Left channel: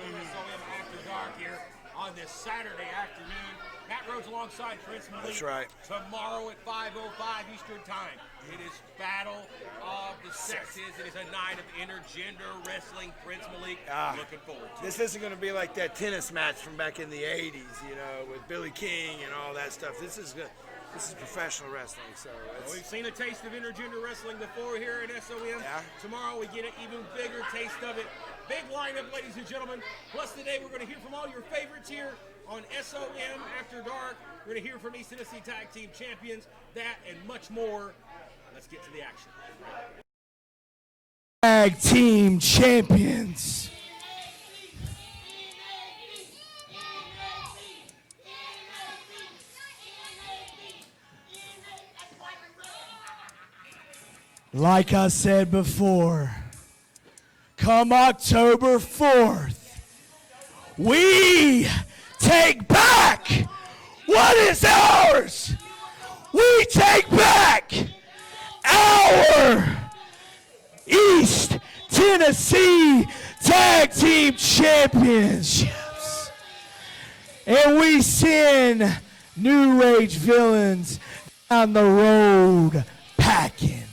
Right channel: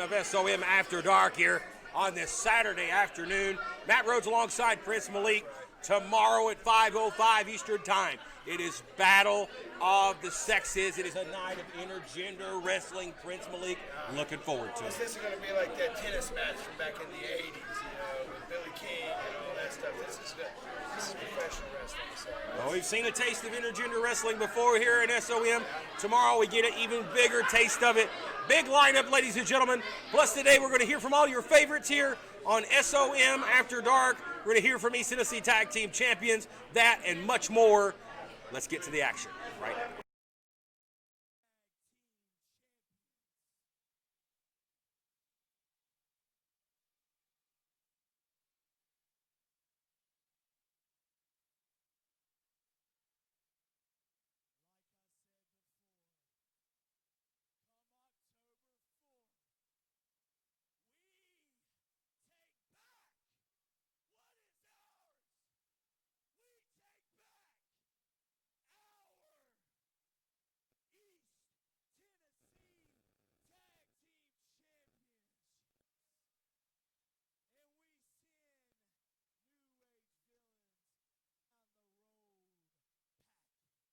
Of SOM After Dark here on this Saturday afternoon. Matt Rhodes alongside Prince Malik. That's right. Tomorrow at 5:05 Eastern Time. It is Battle of the Sexes. It is a night of intergender wrestling. Prince Malik, looking forward to it. This isn't going to be like that tennis match from back in the 80s, you know, with Billy King and all that stuff. This is good. This is professional wrestling. So we've seen a taste of intergender wrestling before here at SOM. Yeah. Tomorrow we get an even bigger taste of it. Big lineup, ladies and gentlemen. Plus today we're going to hear from all your favorites here on SOM After Dark. We're going to hear from East Tennessee Tag Team Champions, that and much more. Let's get to the action, right? Tag Team Champions. Like I said before, come October 4th, we take back what is ours. We take back our East Tennessee Tag Team Championships. And we send New Age villains down the road packing.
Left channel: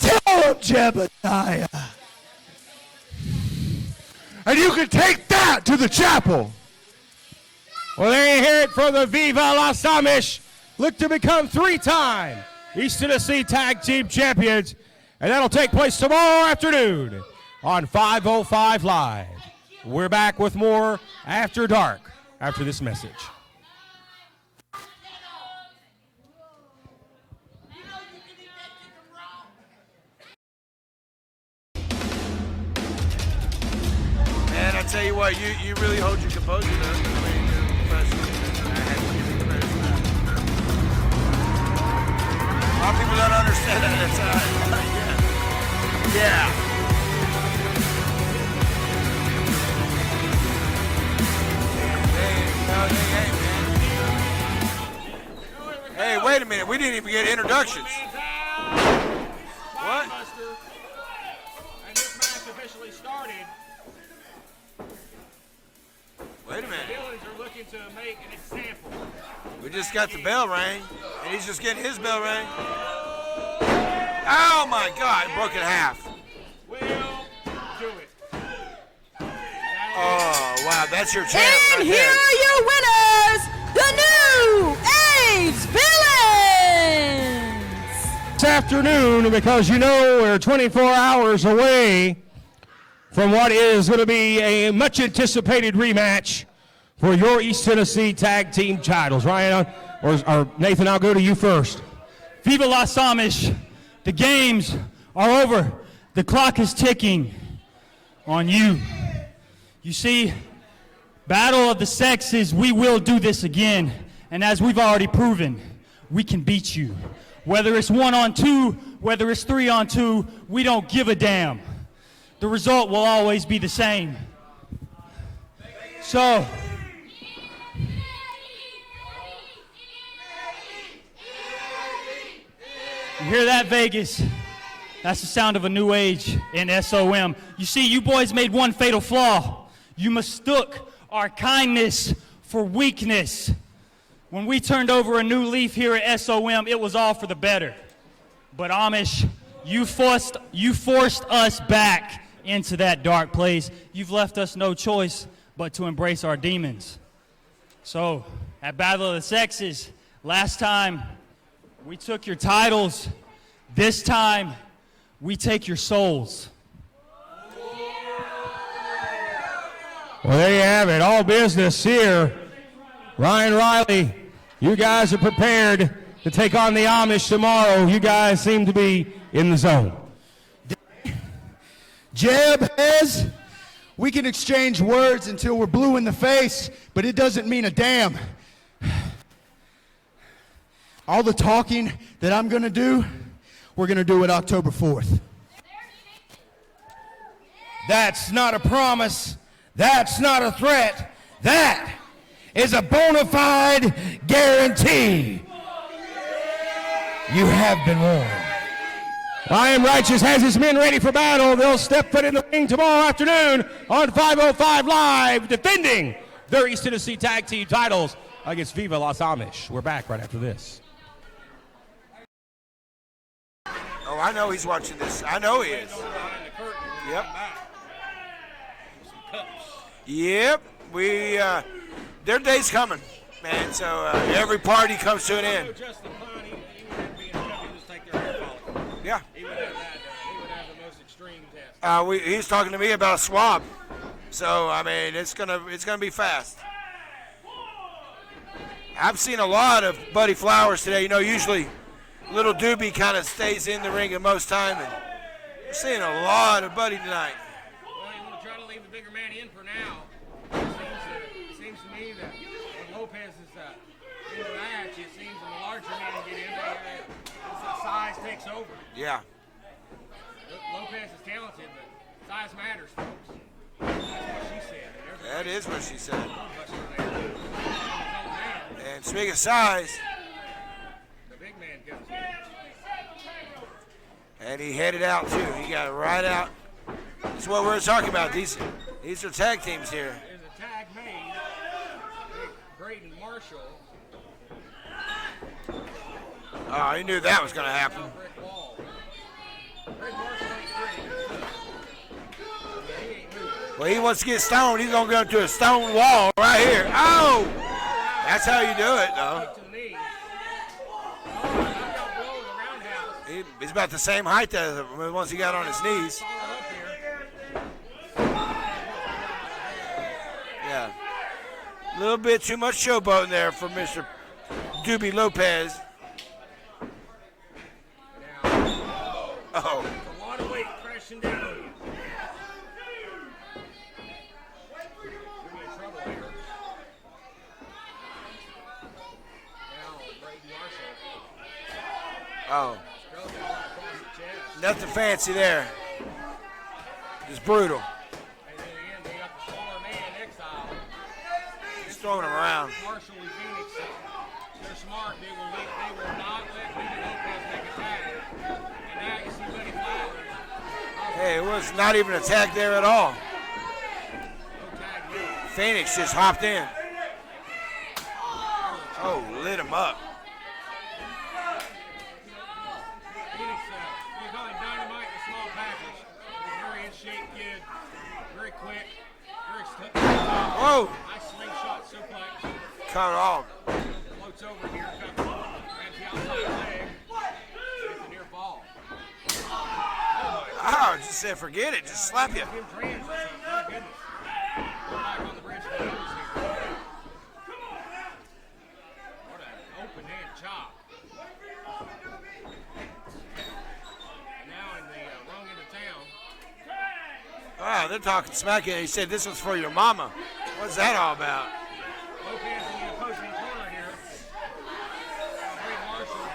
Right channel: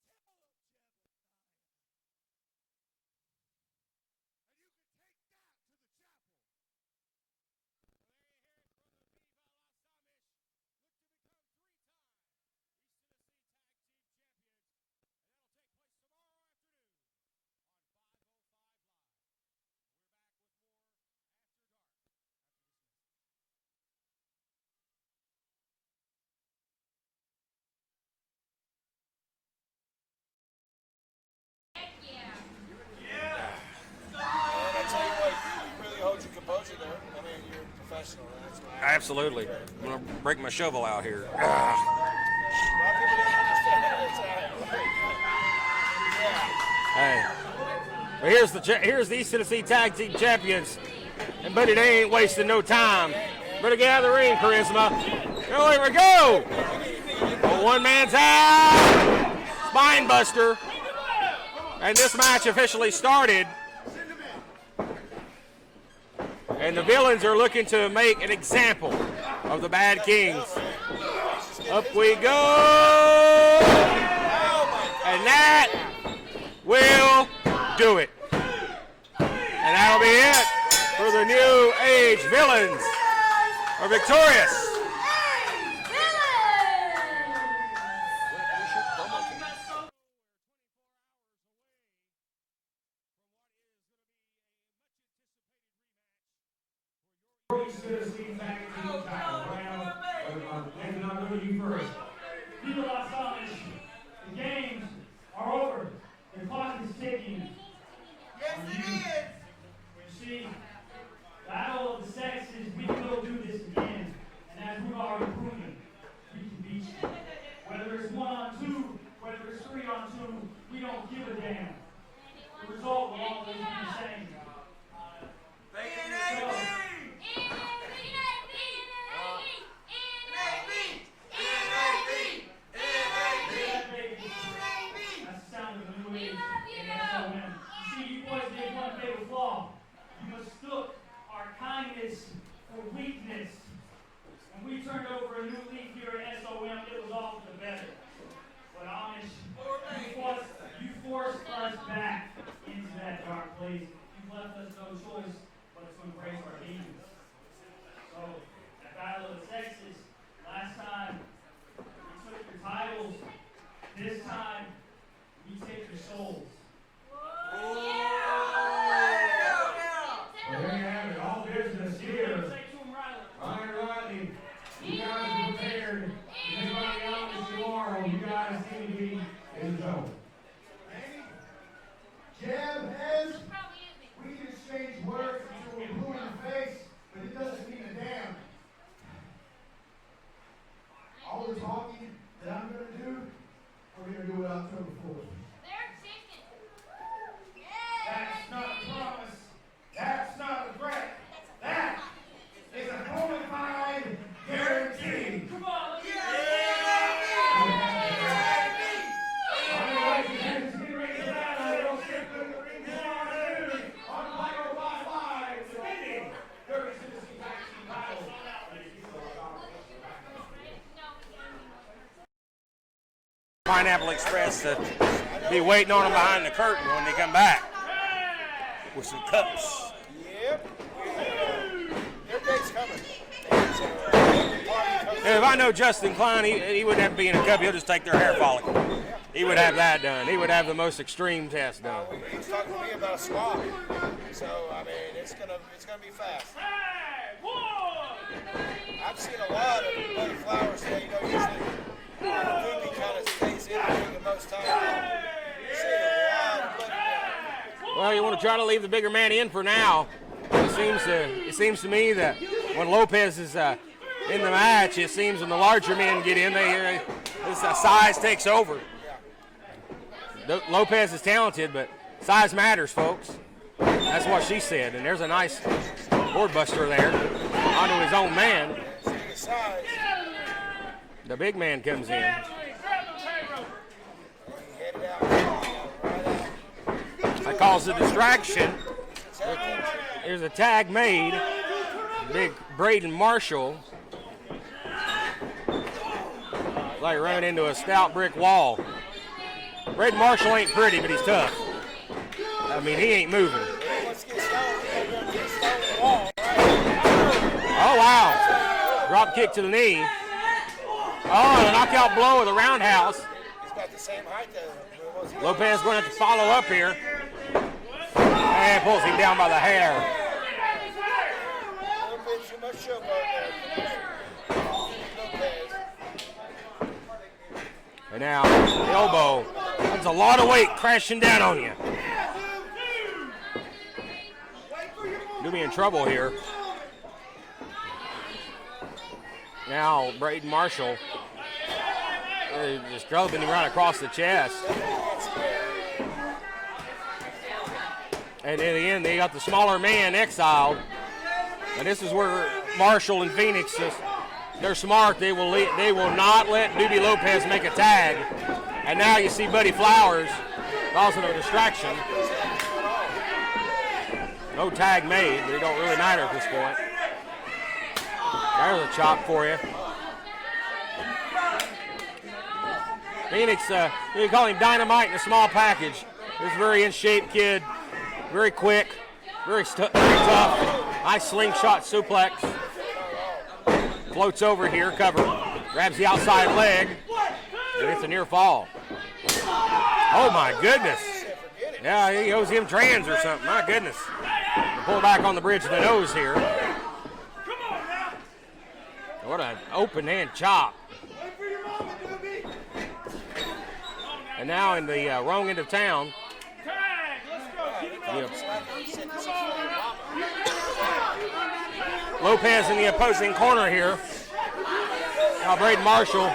Tell them, Jebediah. And you can take that to the chapel. Well, they hear it from the Viva Las Amish. Look to become three-time East Tennessee Tag Team Champions. And that'll take place tomorrow afternoon on 505 Live. We're back with more After Dark after this message. Man, I tell you what, you really hold your composure though. I mean, you're professional. Absolutely. Bring the shovel out here. A lot of people don't understand that at times. Yeah. Well, here's the East Tennessee Tag Team Champions. But it ain't wasting no time. Gonna get out of the ring, Charisma. Oh, here we go. Hey, wait a minute, we didn't even get an introduction. One man's out. Spine buster. And this match officially started. And the villains are looking to make an example of the Bad Kings. The bell rang. He's just getting his bell Up we go. Oh my God! And that will do it. And that'll be it. Oh wow, that's your new And here age are your villains. winners, the New Age Villains. This afternoon, because you know we're 24 hours away from what is going to be a much anticipated rematch for your East Tennessee Tag Team titles. Ryan, or Nathan, I'll go to you first. Viva Las Amish. The games are over. The clock is ticking on you. You see, Battle of the Sexes, we will do this again. And as we've already proven, we can beat you. Whether it's 1-on-2, whether it's 3-on-2, we don't give a damn. The result will always be the same. So, you hear that, Vegas? That's the sound of a new age in SOM. You see, you boys made one fatal flaw. You mistook our kindness for weakness. When we turned over a new leaf here at SOM, it was all for the better. But Amish, you forced us back into that dark place, you've left us no choice but to embrace our demons. So, at Battle of the Sexes, last time we took your titles. This time, we take your souls. Well, there you have it. All business here. Ryan Riley, you guys are prepared to take on the Amish tomorrow. You guys seem to be in the zone. Jeb, Hez, we can exchange words until we're blue in the face, but it doesn't mean a damn. All the talking that I'm gonna do, we're gonna do it October 4th. That's not a promise. That's not a threat. That is a bona fide guarantee. You have been warned. I Am Righteous has his men ready for battle. They'll step foot in the ring tomorrow afternoon on 505 Live, defending their East Tennessee Tag Team titles against Viva Las Amish. We're back right after this. Pineapple Express. I know he's watching this. I know Be waiting on him behind the curtain when they come back with some cups. Yep, their day's coming, man. So every party comes to If an I end. know Justin Klein, he wouldn't have to be in a cup. He'll just take their hair follicle. Yeah. He would have that done. He would have the most extreme test. He's talking to me about a swab. So I mean, it's gonna be fast. I've seen a lot of Buddy Flowers today. You know, usually Little Doobie kind of stays in the ring at most times. I'm seeing a lot of Buddy tonight. Well, you want to try to leave the bigger man in for now. It seems to me that when Lopez is in the match, it seems when the larger men get in, this size takes over. Yeah. Lopez is talented, but size matters, folks. That's what she said, and there's a nice That is what she said. board buster there onto his own man. And speaking of size, The big man comes in. and he headed out too. He got right out. That's what call we're it talking about. distraction. These are tag teams here. There's a tag made. Big Braden Marshall Oh, he like knew that ran was into going a to happen. stout brick wall. Braden Marshall ain't pretty, but he's tough. I mean, he ain't moving. Well, he wants to get stoned. He's going to go to a stone wall right here. Oh! Oh, wow. That's how you do it. Drop kick to the knee. Oh, and a knockout blow with a roundhouse. He's about the same height as him once he got Lopez on going to his knees. follow up here. And pulls him down by the hair. A little bit too much showboating there from Mr. Doobie Lopez. And now, elbow. That's a lot of weight crashing down on you. Doobie in trouble here. Now, Braden Marshall just drubbing him right across the chest. Nothing fancy there. He's brutal. And in the end, they got the smaller man exiled. And this is where Marshall and Phoenix, they're smart. They will not let Doobie Lopez make a tag. And now you see Buddy Flowers. Also It was not even a tag there at all. no tag made. It don't Phoenix really just matter at hopped this in. point. There's a chop for you. Hit him up. Phoenix, you call him dynamite in a small package. This very in-shape kid, very quick, very tough. Oh. Nice slingshot suplex. Cut it off. Floats over here, covered. Grabs the outside leg, and it's a near fall. Oh my I goodness. said forget it. Just Yeah, slap he owes him trans or something. My goodness. Pull back on the bridge of the nose here. What an open hand chop. And now in the wrong end of town. Wow, they're talking smack here. He said this was for your mama. What's that all about? Lopez in the opposing corner here. Now Braden Marshall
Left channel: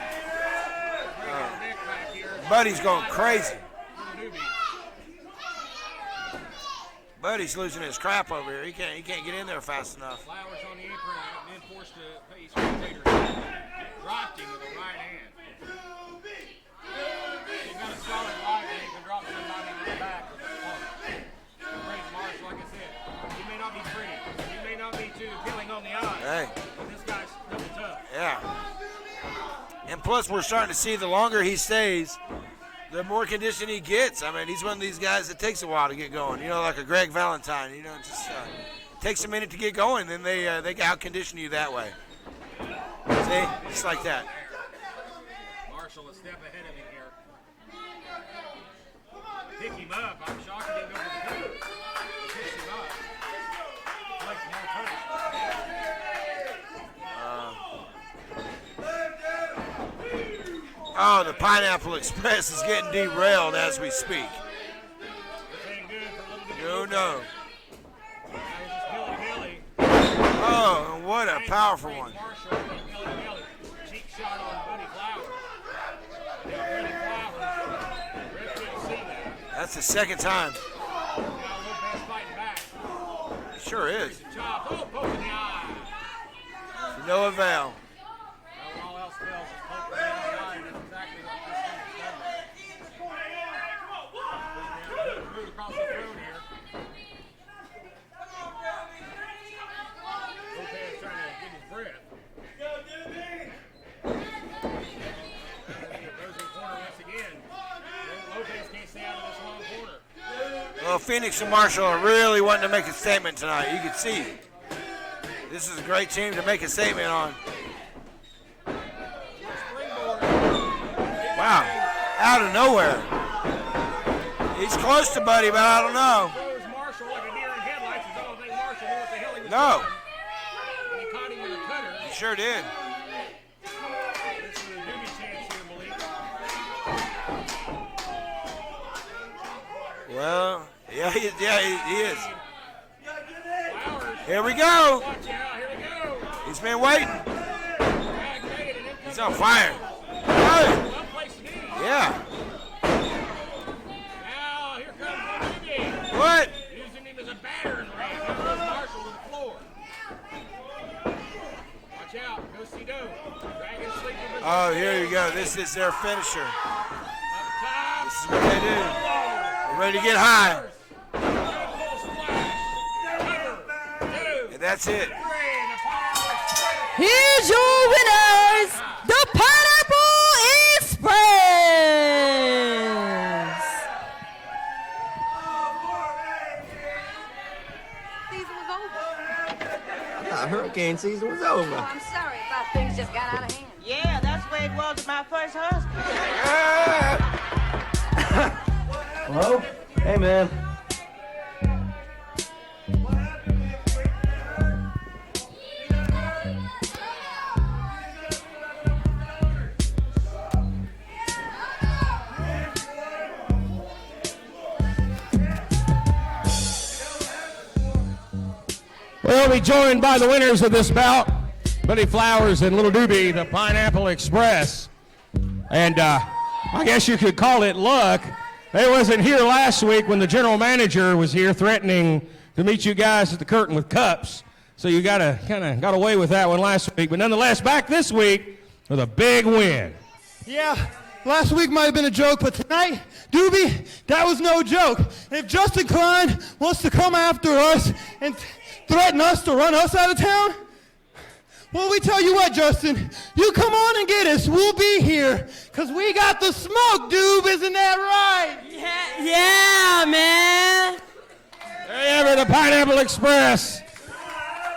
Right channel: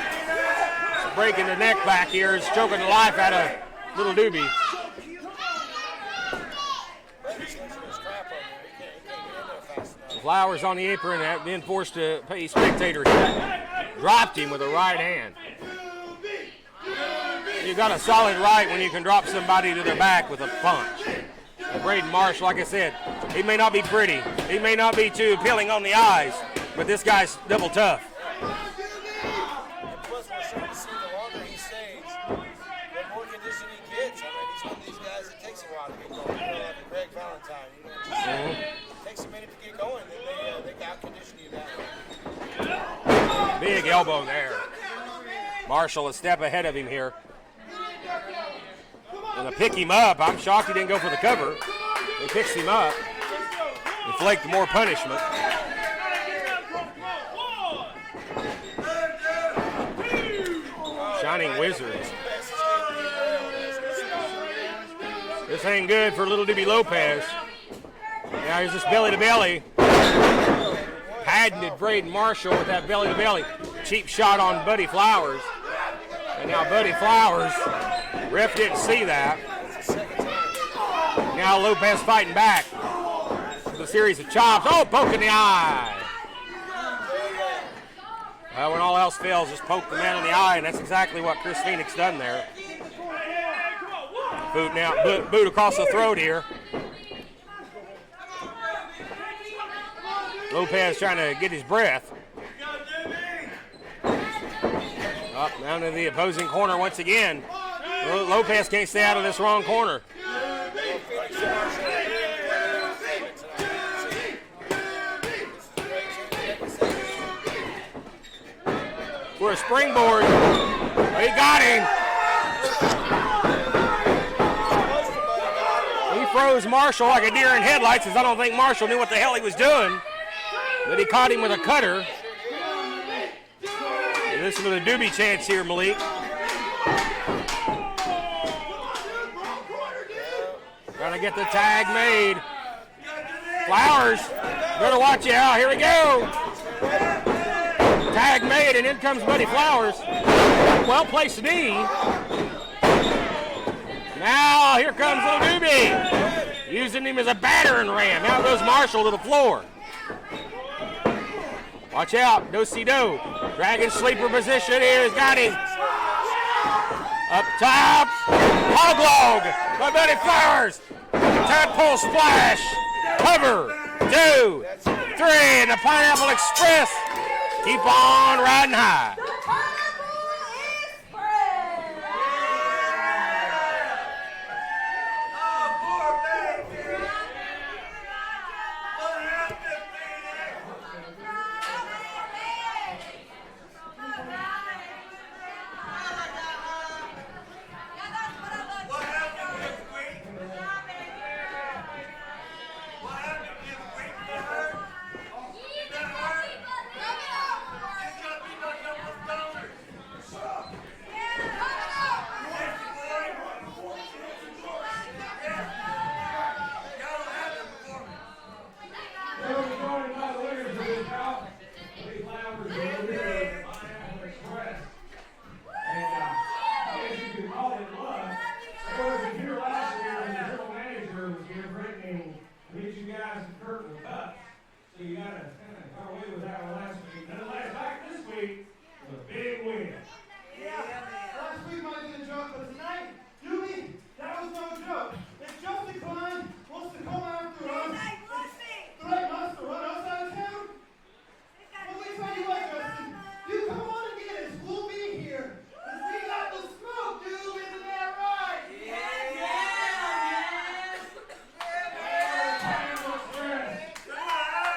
breaking the neck back here. He's Buddy's jumping going life out crazy. of Little Doobie. Buddy's losing his crap over here. He can't get in there fast enough. Flowers on the apron, being forced to pay spectators. Dropped him with a right hand. You got a solid right when you can drop somebody to their back with a punch. And Braden Marshall, like I said, he may not be pretty. He may not be too appealing on the eyes, but this guy's double tough. Yeah. And plus, we're starting to see the longer he stays, the more condition he gets. I mean, he's one of these guys that takes a while to get going. You know, like a Greg Valentine. You know, it just takes a minute to get going, then they out-condition you that way. Big elbow there. Marshall a step ahead of him here. And to pick him up, I'm shocked he didn't go for the cover. He picks him up. Inflict more punishment. Oh, the Johnny Pineapple Wizard. Express is getting derailed as we speak. This ain't good for little Doobie Lopez. Now here's this belly to belly. Oh, what a Had to powerful trade one. Marshall with that belly to belly. Cheap shot on Buddy Flowers. And now Buddy Flowers, ref didn't see that. That's the second time. Now Lopez fighting back. Sure A is. series of chops. Oh, poke in the eye. No avail. When all else fails, just poke the man in the eye, and that's exactly what Chris Phoenix done there. Boot now, boot across the throat here. Lopez trying to get his breath. Up down to the opposing corner once again. Lopez can't stay out of this wrong corner. Well, Phoenix and Marshall are really wanting to make a statement tonight. You can see this is a great team to make a statement on. For a springboard. He got him. Out of nowhere. He's close to Buddy, but I don't know. He froze Marshall like a deer in headlights, as I don't think Marshall knew what the hell he was doing. But he caught him with a cutter. He sure did. Listen to the Doobie chants here, Malik. Well, Got to get the tag made. Flowers. Here we Better go. watch out. Here we go. He's been waiting. Tag made, and in comes He's on Buddy fire. Flowers. Well placed knee. Yeah. Now here comes little Doobie. What? Using him as a battering ram. Now goes Marshall to the floor. Watch out. Do-si-do. Dragon sleeper position Oh, there here. you go. Got him. This is their finisher. Up top. Hog log. Ready to get high. Tadpole splash. Cover. 2. That's it. 3. And the Pineapple Express. Here's your Keep on riding high. winners, the Pineapple Express. Hurricane season was over. I'm sorry, I thought things just got out of hand. Yeah, that's the way it was with my first husband. Hello? Hey, man. We'll be joined by the winners of this bout, Buddy Flowers and Little Doobie, the Pineapple Express. And I guess you could call it luck. They wasn't here last week when the general manager was here threatening to meet you guys at the curtain with cups. So you got away with that one last week. But nonetheless, back this week with a big win. Yeah, last week might have been a joke, but tonight, Doobie, that was no joke. If Justin Klein wants to come after us and threaten us to run us out of town, well, we tell you what, Justin, you come on and get us. We'll be here, because we got the smoke, Doob, isn't that right? Yeah, man. There you have it, the Pineapple Express.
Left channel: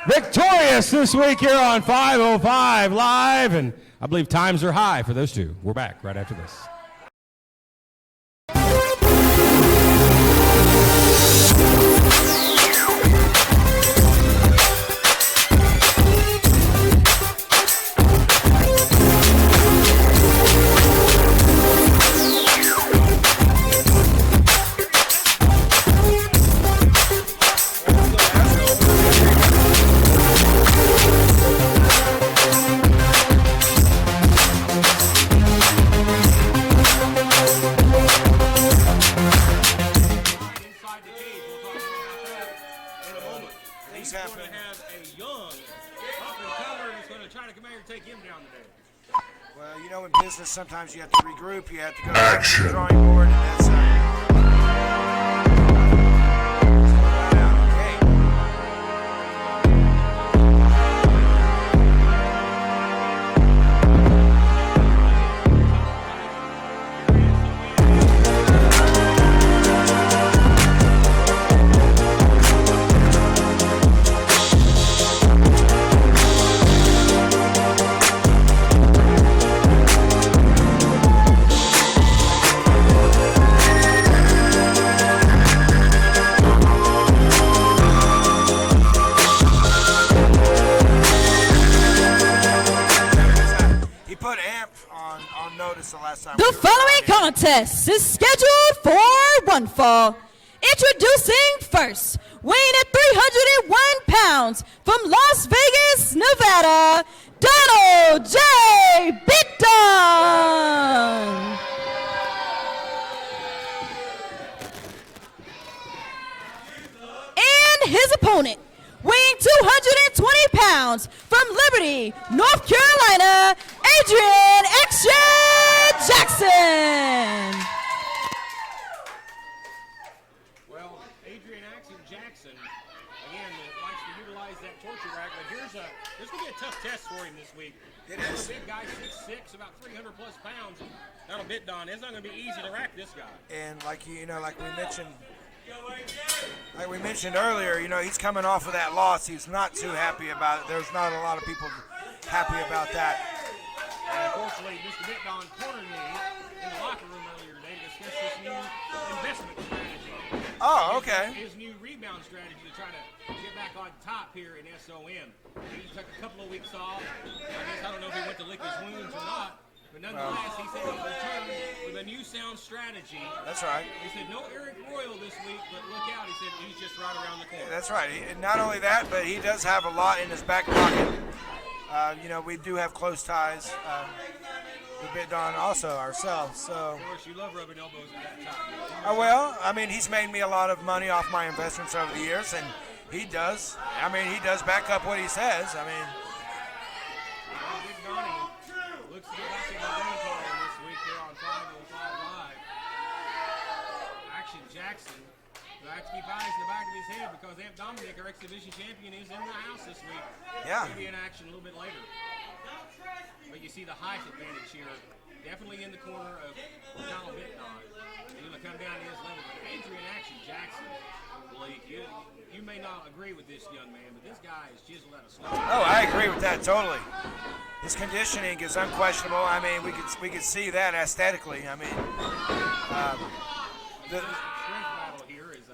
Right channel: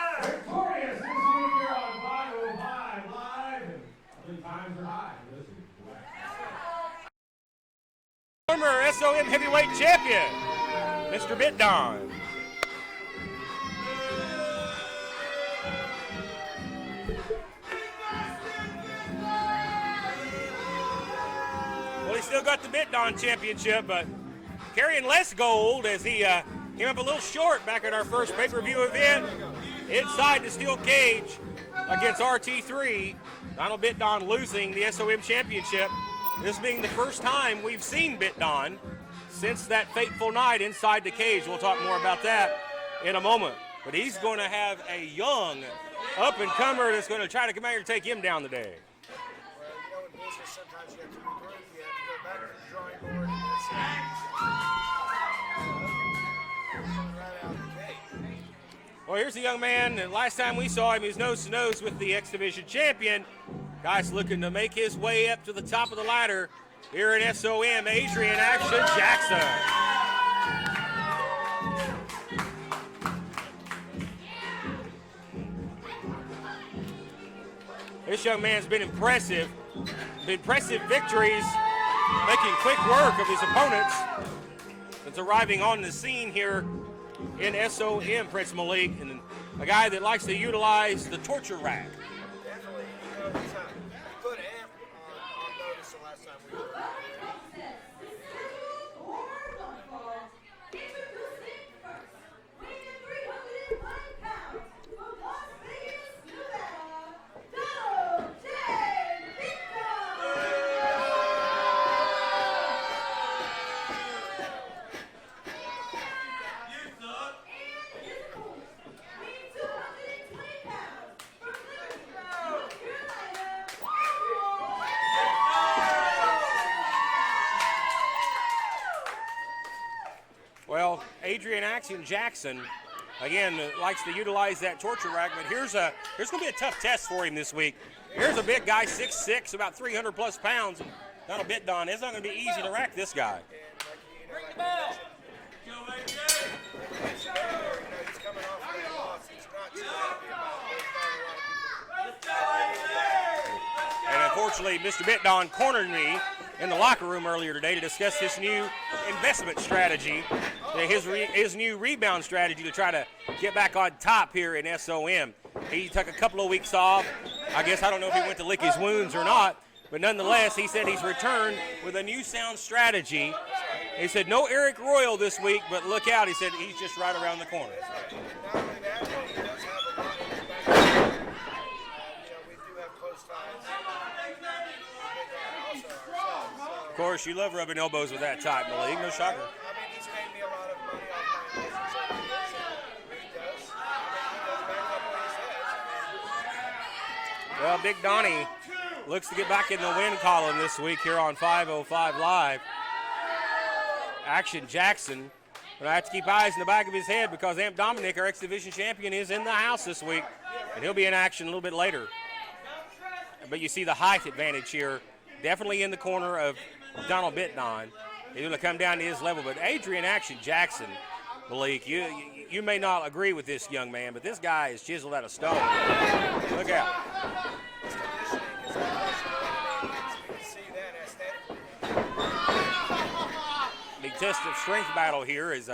Victorious this week here on 505 Live, and I believe times are high for those two. We're back right after this. Inside the cage. We'll talk more about that in a moment. But he's going to have a young up-and-comer that's going to try to come out here and take him down today. Well, you know, in business, sometimes you have to regroup. You have to go back to the drawing board, and that's okay. Well, here's a young man that last time we saw him was nose-to-nose with the X-Division champion. Guys looking to make his way up to the top of the ladder here at SOM. time. The following contest is scheduled for one fall. Introducing first, weighing at 301 pounds from Las Vegas, Nevada, Donald J. Bitton. And his opponent, weighing 220 pounds from Liberty, North Carolina, Adrian Action Jackson. Well, Adrian Action Jackson, again, likes to utilize that torture rack, but here's going to be a tough test for him this week. Here's a big guy, 6'6", about 300 plus pounds. That'll bit Don. It's not going to be easy to rack this guy. And like we mentioned earlier, he's coming off of that loss. He's not too happy about it. There's not a lot of people happy about that. And unfortunately, Mr. Bitdon cornered me in the locker room earlier today to discuss his new investment strategy. His new rebound strategy to try to get back on top here in SOM. He took a couple of weeks off. I don't know if he went to lick his wounds or not. But nonetheless, he said he's returned with a new sound strategy. That's right. He said no Eric Royal this week, but look out. He said he's just right around the corner. That's right. Not only that, but he does have a lot in his back pocket. We do have close ties with Bitdon also ourselves. So. Of course, you love rubbing elbows with that type, Malik. He's made me a lot of money off my investments over the years, and he does. He does back up what he says. Well, Big Donnie looks to get back in the win column this week here on 505 Live. Action Jackson, but I have to keep eyes in the back of his head because Amp Dominic, our X-Division champion, is in the house this week. Yeah. He'll be in action a little bit later. But you see the height advantage here, definitely in the corner of Donald Bitdon. He's going to come down to his level, but Adrian Action Jackson, Malik, you may not agree with this young man, but this guy is chiseled out of stone. Oh, I agree with that totally. His conditioning is unquestionable. We could see that aesthetically. The test of strength battle here is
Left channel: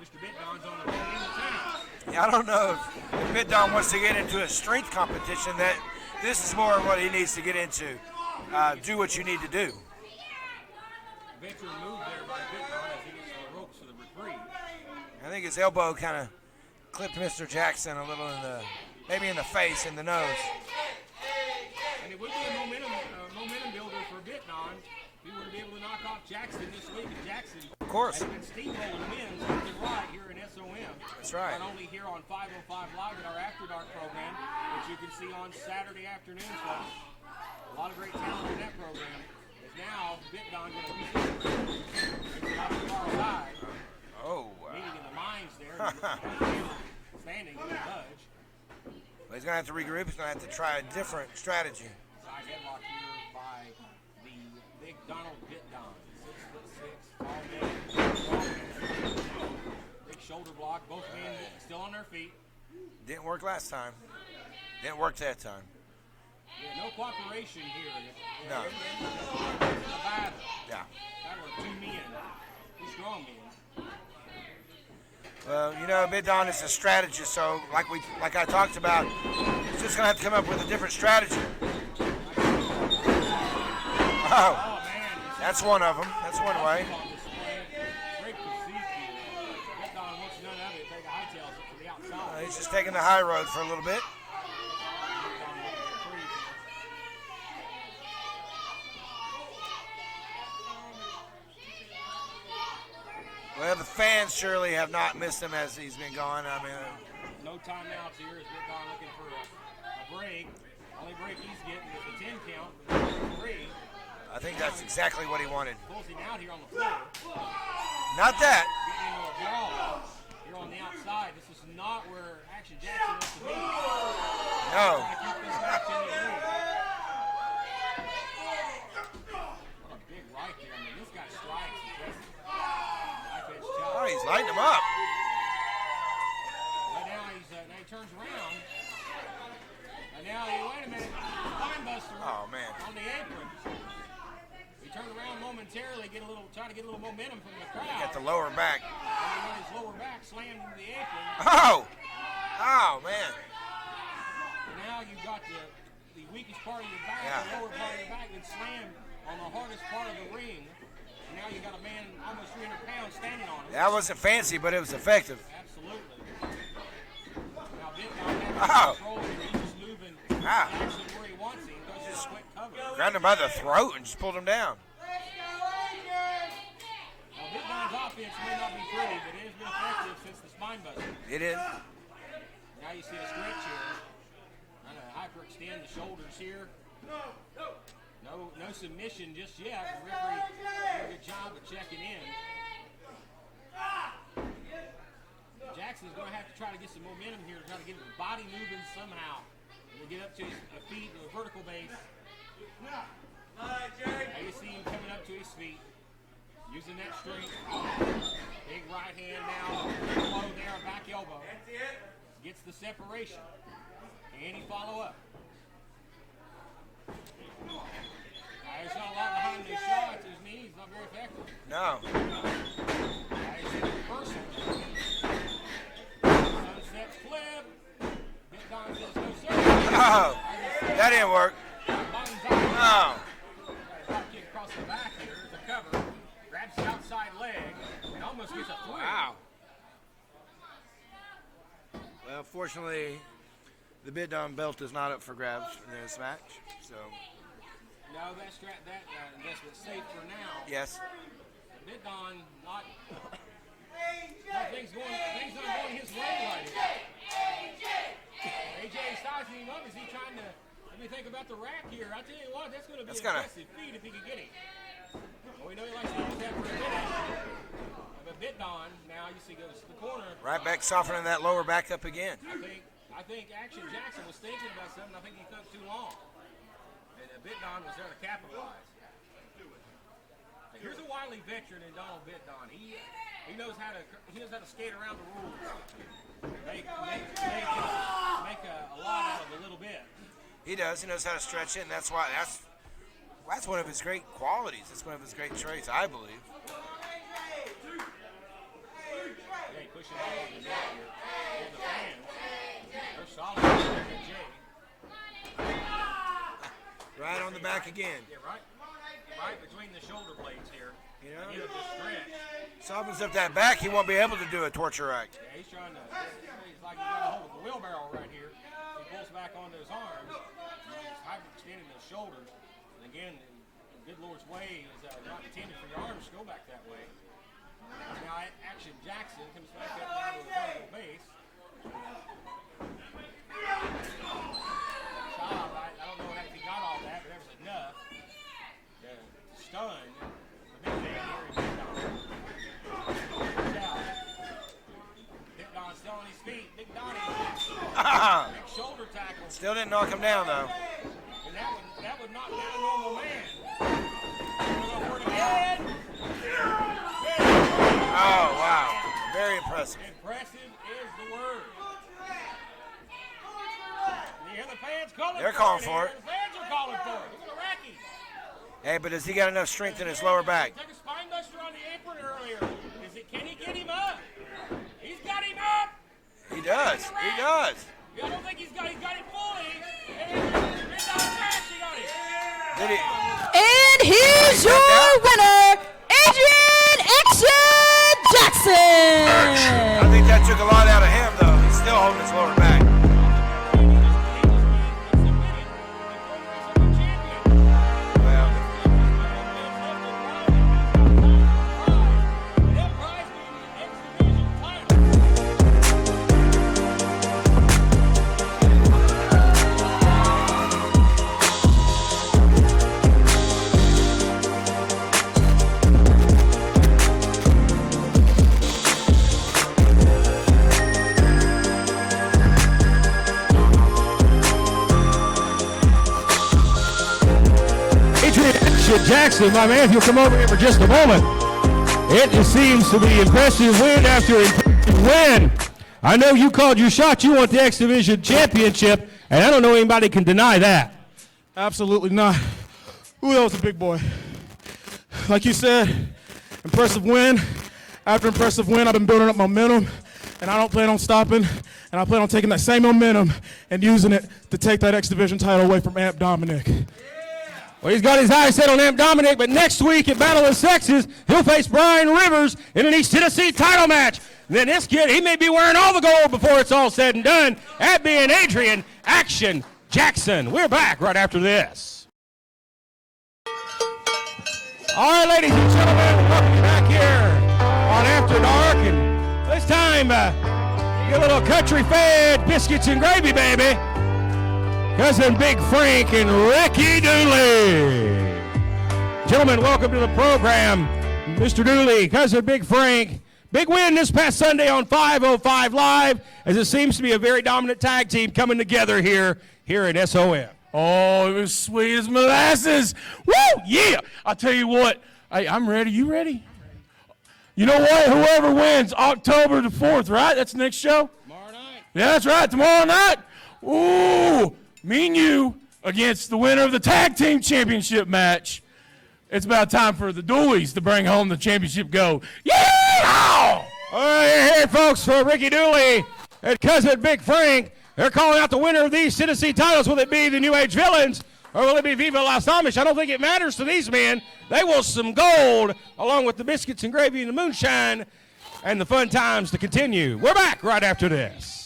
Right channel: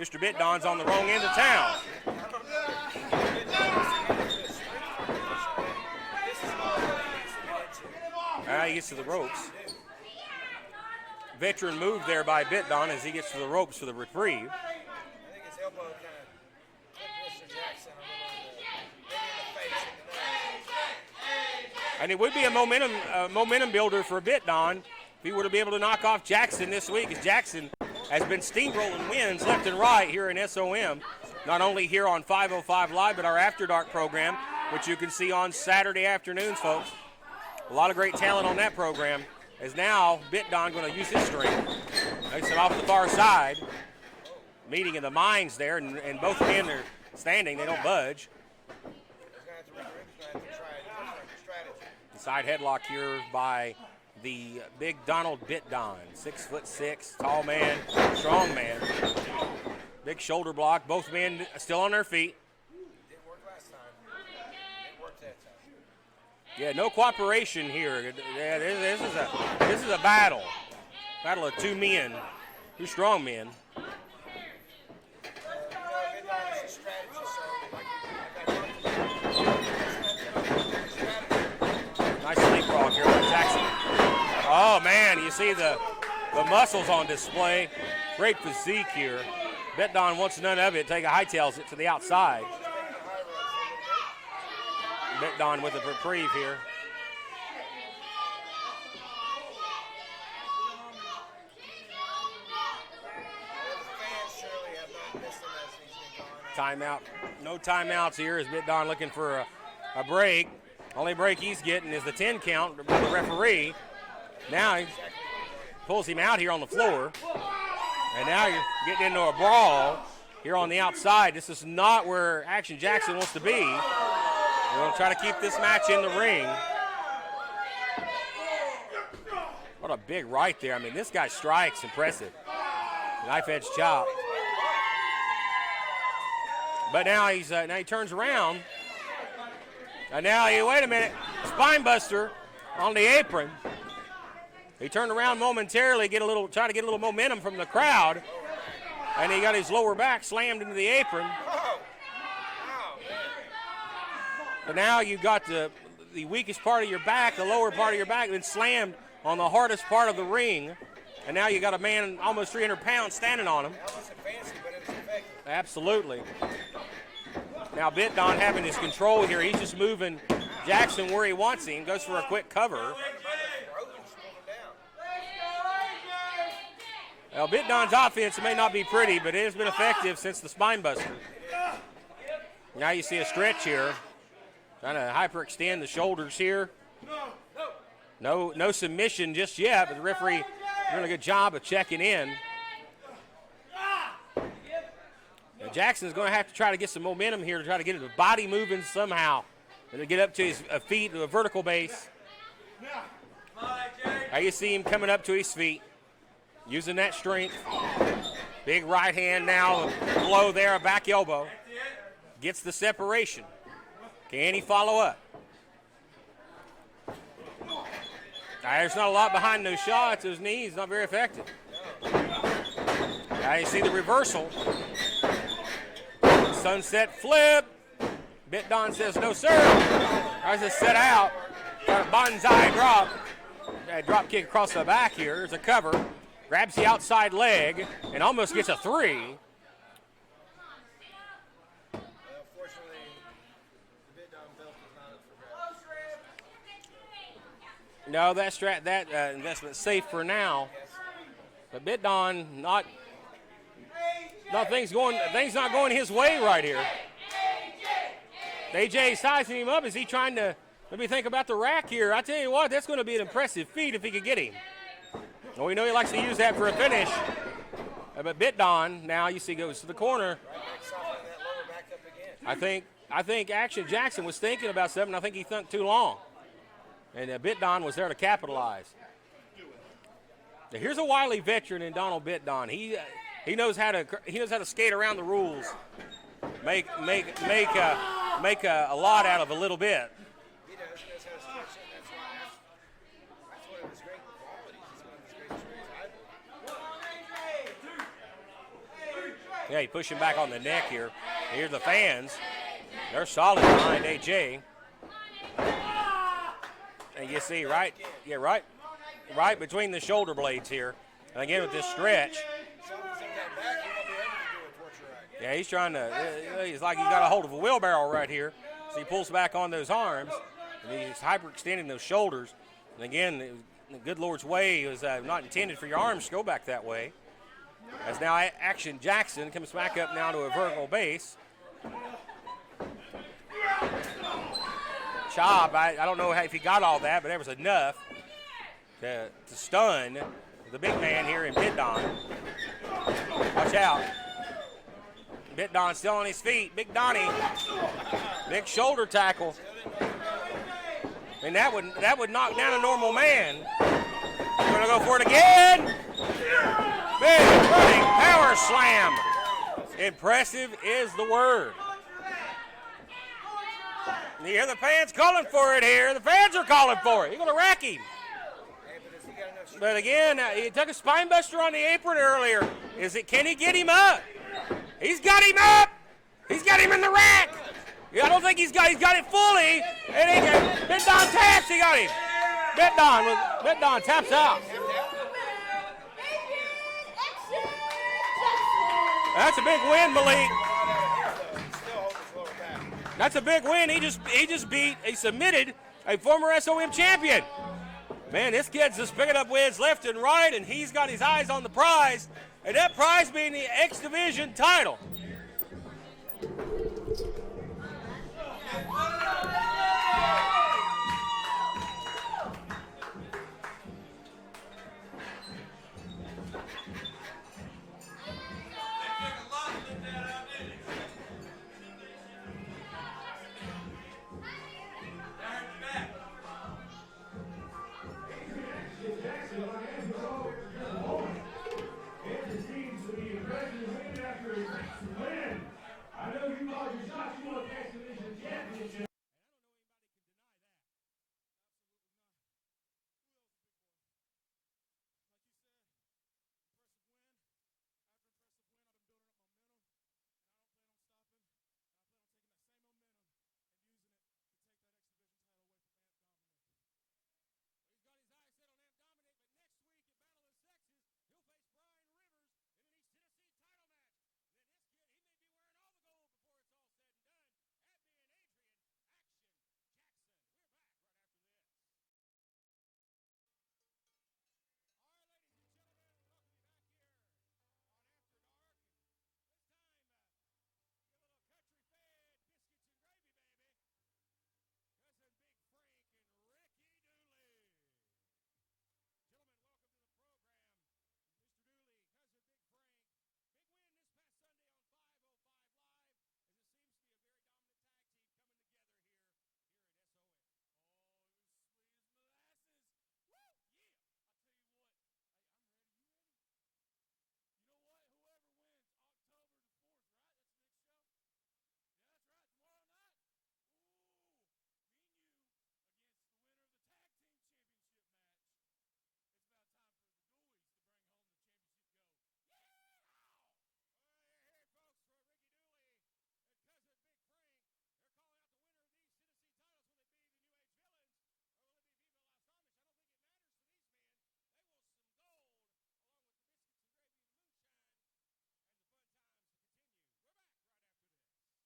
Mr. Bitdon's on the wrong end of town. Yeah, I don't know if Bitdon wants to get into a strength competition. That this is more of what he needs to get into. Do what you need to do. Veteran move there by Bitdon as he gets to the ropes for the reprieve. I think his elbow kind of clipped Mr. Jackson a little maybe in the face, in the nose. And it would be a momentum builder for Bitdon if he were to be able to knock off Jackson this week, as Jackson has been steamrolling wins left and right here in SOM. That's right. Not only here on 505 Live, but our Afterdark program, which you can see on Saturday afternoons, folks. A lot of great talent on that program. As now Bitdon going to use his strength. Makes it off the far side. Meeting in the mines there, and both men are standing. They don't budge. He's going to have to regroup. He's going to have to try a different strategy. Side headlock here by the big Donald Bitdon. 6'6", tall man, strong man. Big shoulder block. Both men still on their feet. Didn't work last time. Didn't work that time. Yeah, no cooperation here. Yeah, this is a battle. Yeah. Battle of two men, two strong men. Well, Bitdon is a strategist, so like I talked about, he's just going to have to come up with a different strategy. Nice leapfrog here by Jackson. Oh, man, you see that's one of them. The muscles on display. Great physique here. Bitdon wants none of it. Hightails it to the outside. He's just taking the high road for a little bit. Bitdon with a reprieve here. Well, the fans surely have not missed him as he's been gone. Timeout. No timeouts here as Bitdon looking for a break. Only break he's getting is the 10 count from the referee. I think that's exactly what he wanted. Pulls him out here on the floor. Not that. Getting into a brawl here on the outside. This is not where Action Jackson wants to be. No. Try to keep this match in the ring. What a big right there. This guy strikes impressive. Knife edge chop. Oh, he's lighting him up. But now he turns around. And now wait a minute. Spine buster on the apron. He turned around momentarily, try to get a little momentum from the crowd. The lower back. And he got his lower back slammed into the apron. Oh man. But now you got the weakest part of your back, the lower part of your back, then slammed on the hardest part of the ring, and now you got a man almost 300 pounds standing on him. That wasn't fancy, but it was effective. Absolutely. Now Bitdon having his control here. He's just moving Jackson where he wants him. Goes for a quick cover. Grabbed him by the throat and just pulled him down. Well, Bitdon's offense may not be pretty, but it has been effective since the spine buster. It is. Now you see a stretch here. Trying to hyperextend the shoulders here. No submission just yet, but the referee doing a good job of checking in. Jackson's going to have to try to get some momentum here to try to get his body moving somehow. And to get up to his feet to a vertical base. Now you see him coming up to his feet, using that strength. Big right hand now, blow there, a back elbow. Gets the separation. Can he follow up? There's not a lot behind those shots. Those knees, not very effective. No. Now you see the reversal. Sunset flip. Bitdon says no, sir. I just set That out. didn't work. Bonsai drop. Drop kick across the back here. There's a cover. Grabs the outside leg and almost gets a 3. Well, fortunately, the Bitdon belt is not up for grabs in this match. So. No, that investment's safe for now. Yes. But Bitdon things not going his way right here. AJ sizing him up. Is he trying to maybe think about the rack here? I tell you what, that's going to be an impressive feat if he could get him. Well, we know he likes to use that for a finish. But Bitdon now you see goes to the corner. Right back, softening that lower back up again. I think Action Jackson was thinking about something. I think he thought too long. And Bitdon was there to capitalize. Now, here's a wily veteran in Donald Bitdon. He knows how to skate around the rules, make a lot out of a little bit. He does. He knows how to stretch it, and that's one of his great qualities. It's one of his great traits, I believe. Yeah, he pushed him back on the neck here. Here's the fans. They're solid behind AJ. And you see, right? Yeah, right between the shoulder blades here. And again with this stretch. Softens up that back, he won't be able to do a torture rack. Yeah, he's trying to. He's like he's got a hold of a wheelbarrow right here. So he pulls back on those arms. And he's hyperextending those shoulders. And again, the good Lord's way was not intended for your arms to go back that way. As now Action Jackson comes back up now to a vertical base. Chop, I don't know if he got all that, but there was enough to stun the big man here in Bitdon. Watch out. Bitdon still on his feet. Big Donnie. Big shoulder tackle. Still didn't knock him down, though. And that would knock down a normal man. We're going to go for it again. Big running power slam. Very impressive. Impressive is the word. You hear the fans calling for it here. The fans are calling for it. You're going to rack him. Hey, but has he got enough strength in his Again, lower back? he took a spine buster on the apron earlier. Can he get him up? He's got him up. He's got him in the rack. He does. Yeah, I don't think he's got it fully. And Bitdon's past, he got him. And here's your winner, Adrian Action Jackson. I think that took a lot out of him, though. He's still holding his lower back. That's a big win. He just submitted a former SOM champion. Man, this kid's just picking up wins left and right, and he's got his eyes on the prize. And that prize being the X Division title. Jackson, my man, if you'll come over here for just a moment. It seems to be impressive win after impressive win. I know you called your shot. You want the X Division championship, and I don't know anybody can deny that. Absolutely not. Ooh, that was a big boy. Like you said, impressive win. After impressive win, I've been building up momentum, and I don't plan on stopping, and I plan on taking that same momentum and using it to take that X Division title away from Amp Dominic. Well, he's got his eyes set on Amp Dominic, but next week at Battle of the Sexes, he'll face Brian Rivers in an East Tennessee title match. And then this kid, he may be wearing all the gold before it's all said and done. That being Adrian Action Jackson. We're back right after this. All right, ladies and gentlemen, welcome back here on After Dark. And this time, get a little country-fed biscuits and gravy, baby. Cousin Big Frank and Ricky Dooley. Gentlemen, welcome to the program. Mr. Dooley, Cousin Big Frank. Big win this past Sunday on 505 Live, as it seems to be a very dominant tag team coming together here at SOM. Oh, it was sweet as molasses. Woo, yeah. I'll tell you what. Hey, I'm ready. You ready? You know what? Whoever wins October the 4th, right? That's the next show? Tomorrow night. Yeah, that's right. Tomorrow night. Ooh. Me and you against the winner of the tag team championship match. It's about time for the Dooleys to bring home the championship gold. Yeah! All right, here, folks, for Ricky Dooley and Cousin Big Frank. They're calling out the winner of these Tennessee titles. Will it be the New Age Villains or will it be Viva Las Amish? I don't think it matters to these men. They want some gold along with the biscuits and gravy and the moonshine and the fun times to continue. We're back right after this.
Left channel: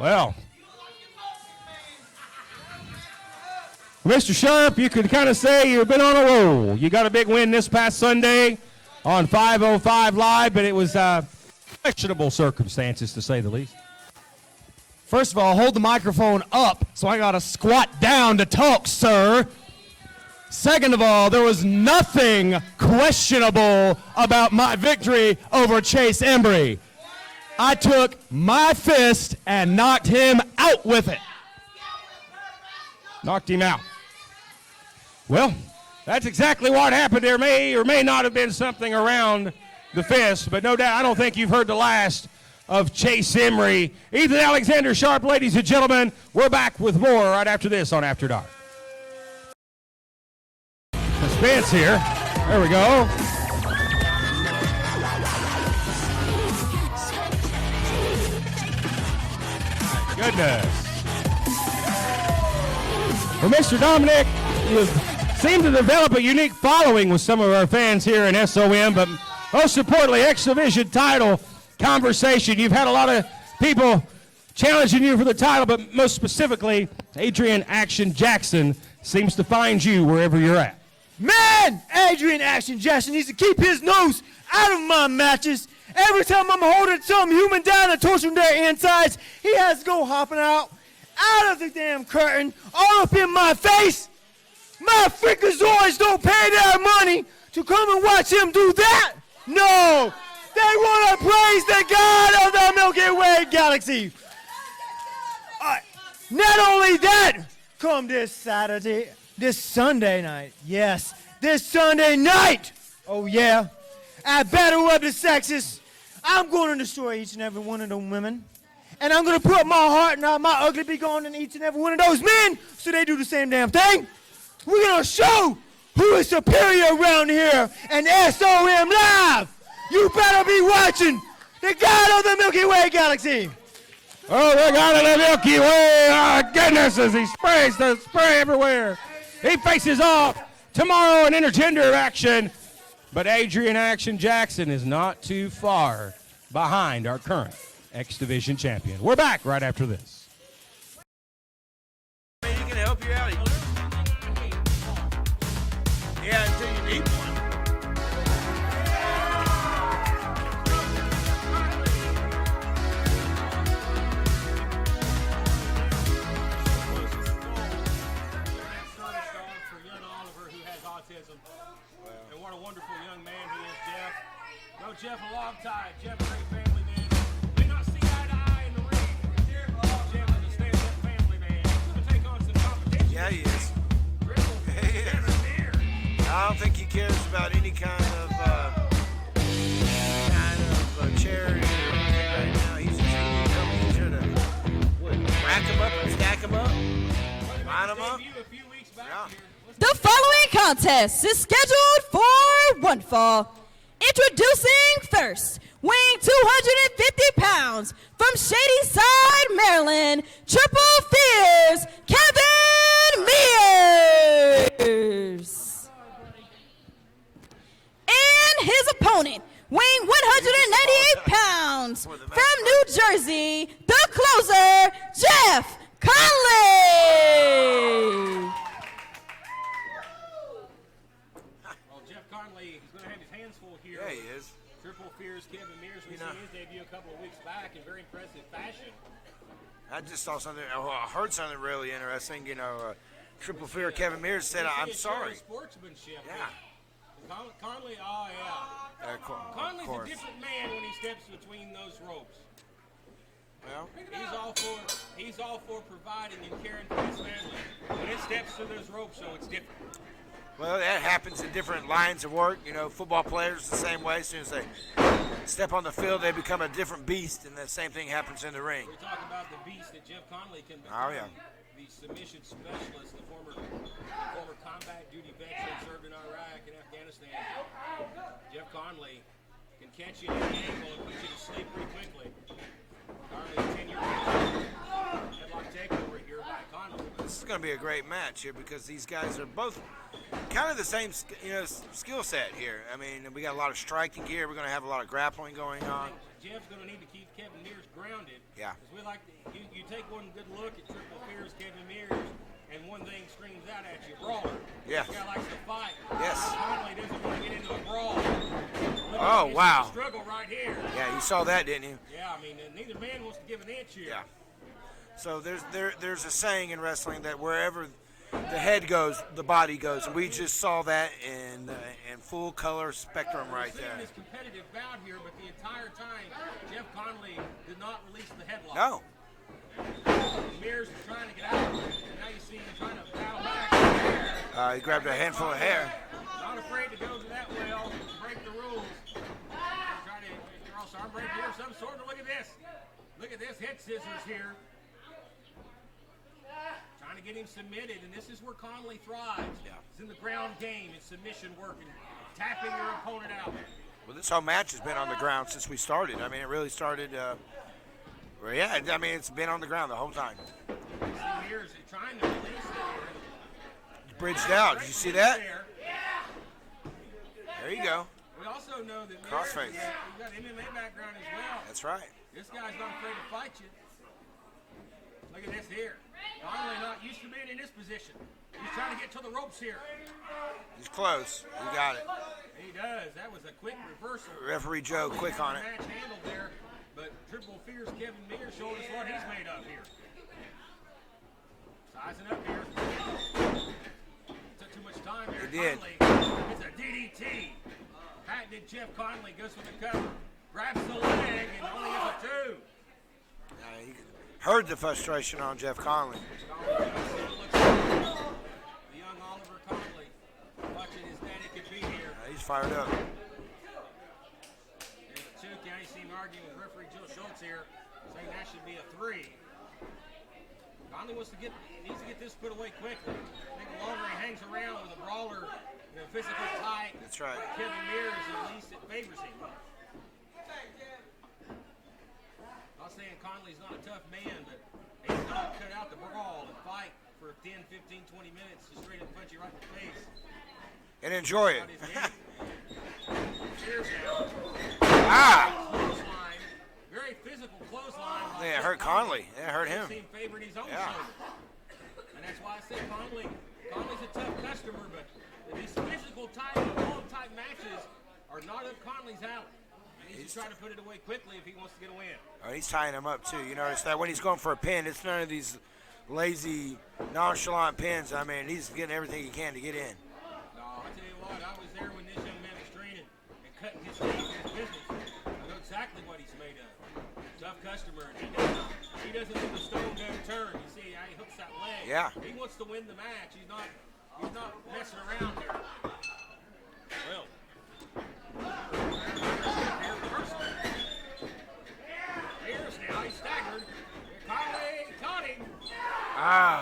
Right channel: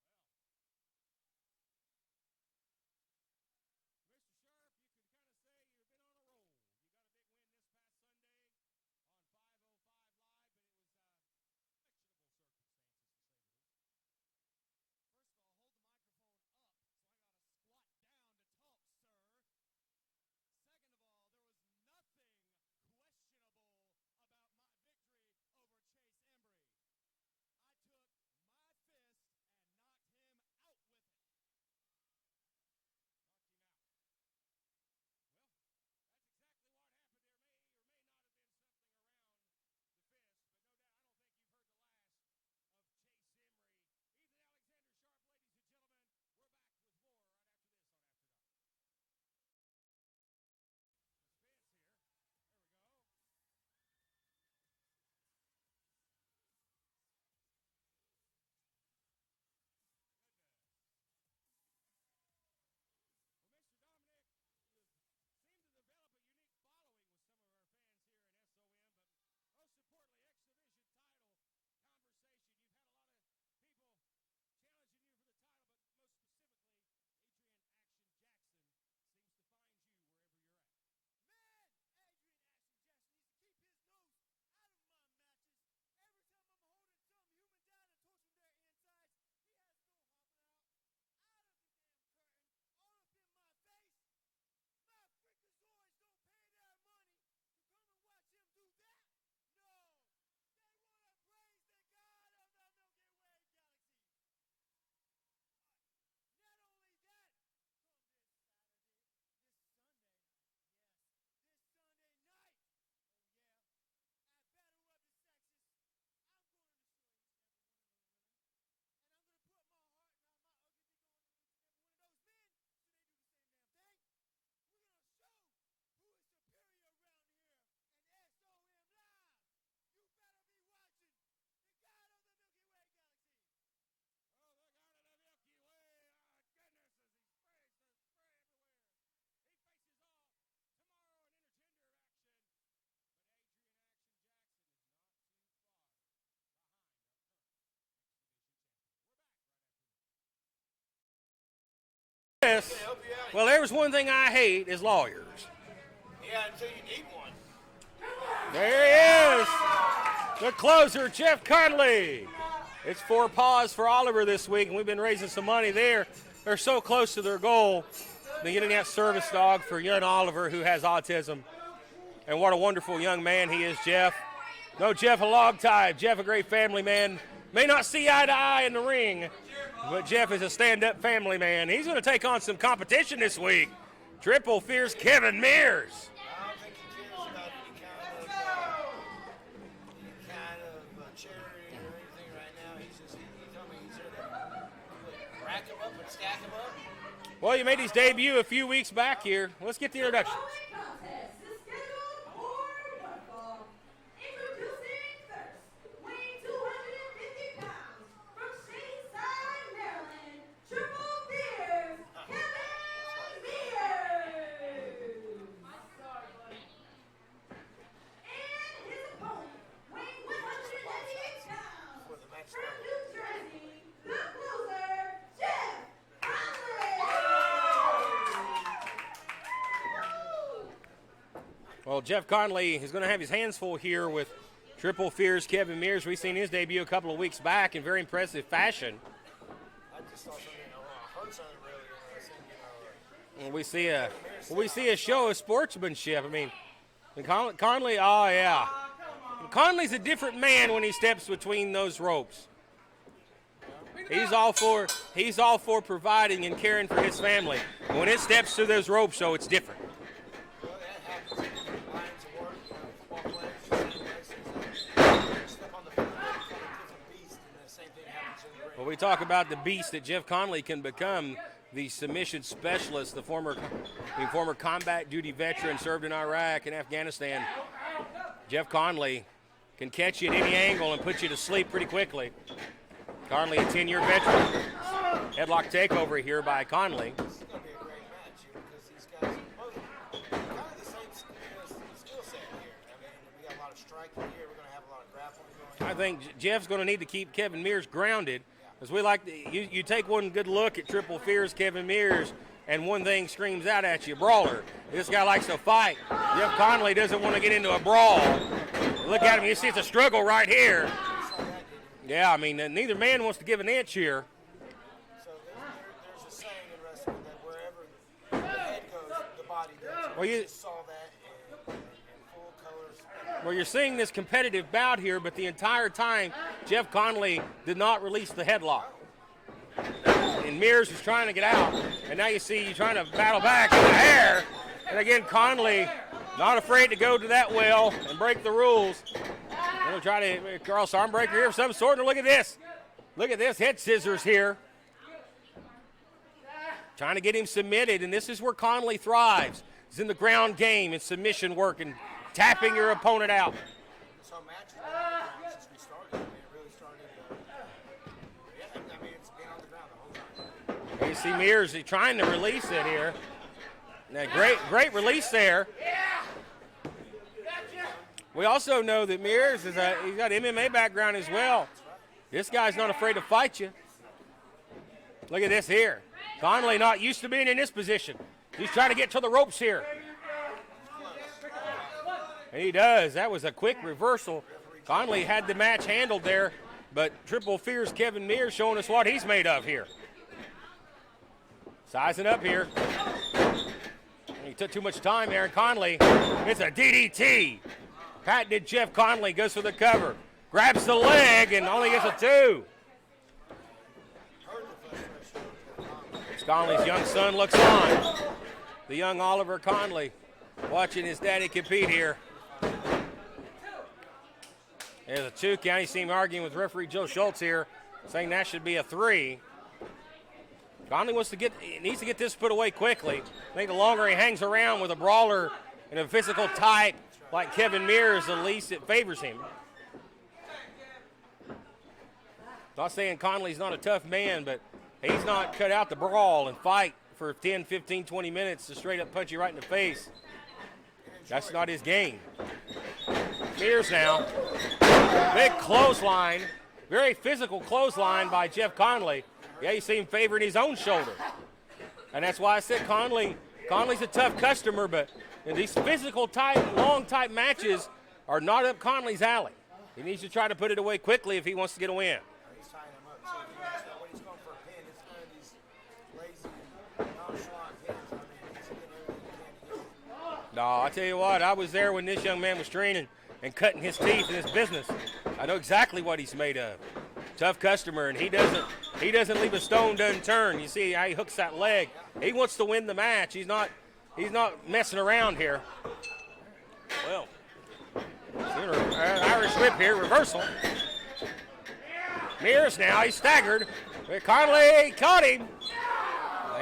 Well, Mr. Sharp, you could kind of say you've been on a roll. You got a big win this past Sunday on 505 Live, but it was questionable circumstances, to say the least. First of all, hold the microphone up, so I got to squat down to talk, sir. Second of all, there was nothing questionable about my victory over Chase Embry. I took my fist and knocked him out with it. Knocked him out. Well, that's exactly what happened. There may or may not have been something around the fist, but no doubt, I don't think you've heard the last of Chase Embry. Ethan Alexander Sharp, ladies and gentlemen, we're back with more right after this on After Dark. Suspense here. There we go. Goodness. Well, Mr. Dominic, you seem to develop a unique following with some of our fans here in SOM, but most importantly, X Division title conversation. You've had a lot of people challenging you for the title, but most specifically, Adrian Action Jackson seems to find you wherever you're at. Man, Adrian Action Jackson needs to keep his nose out of my matches. Every time I'm holding some human down and torturing their insides, he has to go hopping out of the damn curtain, all up in my face. My freakazoids don't pay their money to come and watch him do that. No, they want to praise the God of the Milky Way galaxy. Not only that, come this Sunday night, yes, this Sunday night, oh yeah, at Battle of the Sexes, I'm going to destroy each and every one of them women. And I'm going to put my heart and my ugly be gone in each and every one of those men so they do the same damn thing. We're going to show who is superior around here and SOM Live. You better be watching the God of the Milky Way galaxy. Oh, the God of the Milky Way. Oh, goodness, as he sprays the spray everywhere. He faces off tomorrow in intergender action. But Adrian Action Jackson is not too far behind our current X Division champion. We're back right after this. Well, there's one thing I hate is lawyers. Yeah, until you need one. There he is, the closer, Jeff Conley. It's 4 paws for Oliver this week. We've been raising some money there. They're so close to their goal. They're getting that service dog for young Oliver who has autism. And what a wonderful young man he is, Jeff. No, Jeff a log tie. Jeff a great family man. May not see eye to eye in the ring, but Jeff is a stand-up family man. He's going to take on some competition this week. Triple Fierce Kevin Mears. I don't think he cares about any kind of charity or anything right now. He's just here to rack him up and stack him up. Well, you made his debut a few weeks back here. The following contest is scheduled for one fall. Introducing first, weighing 250 pounds, from Shadyside, Maryland, Triple Fears, Kevin Mears. And his opponent, weighing 198 pounds, from New Jersey, the closer, Jeff Conley. Well, Jeff Conley is going to have his hands full here with Triple Fears Kevin Mears. We've seen his debut a couple of weeks back in very impressive fashion. I just saw something. I heard something really interesting. Triple We Fear Kevin Mears said, we see "I'm a show sorry." of sportsmanship. I mean, Conley, oh yeah. Conley's a different man when he steps between those ropes. He's all for providing and caring for his family. When it steps through those ropes, though, it's different. Well, that happens in different lines of work. Football players the same way. As soon as they step on the field, they become a different beast, and the same thing happens in the ring. Well, we talk about the beast that Jeff Conley can become. The submission specialist, the former combat duty veteran, served in Iraq and Afghanistan. Jeff Conley can catch you at any angle and put you to sleep pretty quickly. Conley, a 10-year veteran. Headlock takeover here by Conley. This is going to be a great match here because these guys are both kind of the same skill set here. I mean, we got a lot of striking here. We're going to have a lot of grappling going on. I think Jeff's going to need to keep Kevin Mears grounded. Yeah. Because we like you take one good look at Triple Fears Kevin Mears, and one thing screams out at you: brawler. Yeah. This guy likes to fight. Yes. Jeff Conley doesn't want to get into a brawl. Look at him. You see the struggle right here. Yeah, you saw that, didn't you? Yeah, I mean, neither man wants to give an inch here. So there's a saying in wrestling that wherever the head goes, the body goes. And we just saw that in full color spectrum. Well, you're seeing this competitive bout here, but the entire time, Jeff Conley did not release the headlock. No. And Mears was trying to get out, and now you see you trying to battle back in the hair. But again, Conley not afraid to go to that well and break the rules. We'll try to cross arm breaker here of some sort. And look at this. Look at this head scissors here. Trying to get him submitted, and this is where Conley thrives. He's in the ground game and submission work and tapping your opponent out. Well, this whole match has been on the ground since we started. I mean, it really started. It's been on the ground the whole time. You see Mears, he's trying to release it here. Great release there. There you go. We also know that Mears he's got MMA background as well. That's right. This guy's not afraid to fight you. Look at this here. Conley not used to being in this position. He's trying to get to the ropes here. He's close. He got it. And he does. That was a quick reversal. Referee Conley had the match handled there, but Triple Fears Kevin Mears showing us what he's made of here. Sizing up here. He took too much time there, and Conley, it's a DDT. Patented Jeff Conley goes for the cover. Grabs the leg and only gets a 2. Heard the frustration on Jeff Conley. Conley's young son looks on. The young Oliver Conley watching his daddy compete here. He's fired up. There's a 2 count. You see him arguing with referee Joe Schultz here, saying that should be a 3. Conley needs to get this put away quickly. I think the longer he hangs around with a brawler and a physical type like Kevin Mears, the least it favors him. Not saying Conley's not a tough man, but he's not cut out to brawl and fight for 10, 15, 20 minutes to straight up punch you right in the face. And enjoy That's it. not his game. Mears now. Big clothesline. Very physical clothesline by Jeff Conley. You see him favoring his own shoulder. And that's why I said Conley's a tough customer, but these physical type, long type matches are not up Conley's alley. He needs to try to put it away quickly if he wants to get a win. Oh, he's tying him up, too. You notice that when he's going for a pin, it's none of these lazy, nonchalant pins. I mean, he's getting everything he can to get in. No, I tell you what, I was there when this young man was training and cutting his teeth in his business. I know exactly what he's made of. Tough customer, and he doesn't leave a stone unturned. You see how he hooks that leg. Yeah. He wants to win the match. He's not messing around here. Well, Irish whip here, reversal. Mears now, he's staggered. Conley caught him.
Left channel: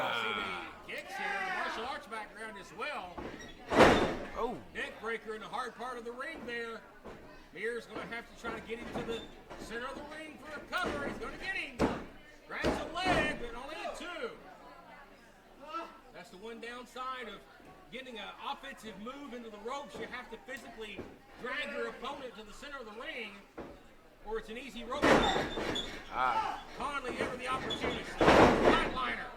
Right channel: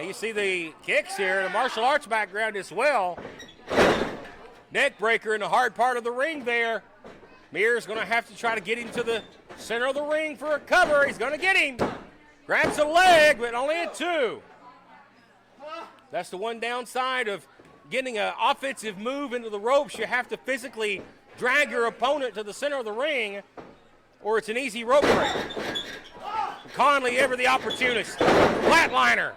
You see the kicks here, the martial arts background as well. Neck breaker in the hard part of the ring there. Mears going to have to try to get him to the center of the ring for a cover. He's going to get him. Grabs a leg, but only at 2. That's the one downside of getting an offensive move into the ropes. You have to physically drag your opponent to the center of the ring, or it's an easy rope break. Conley, ever the opportunist. Flatliner.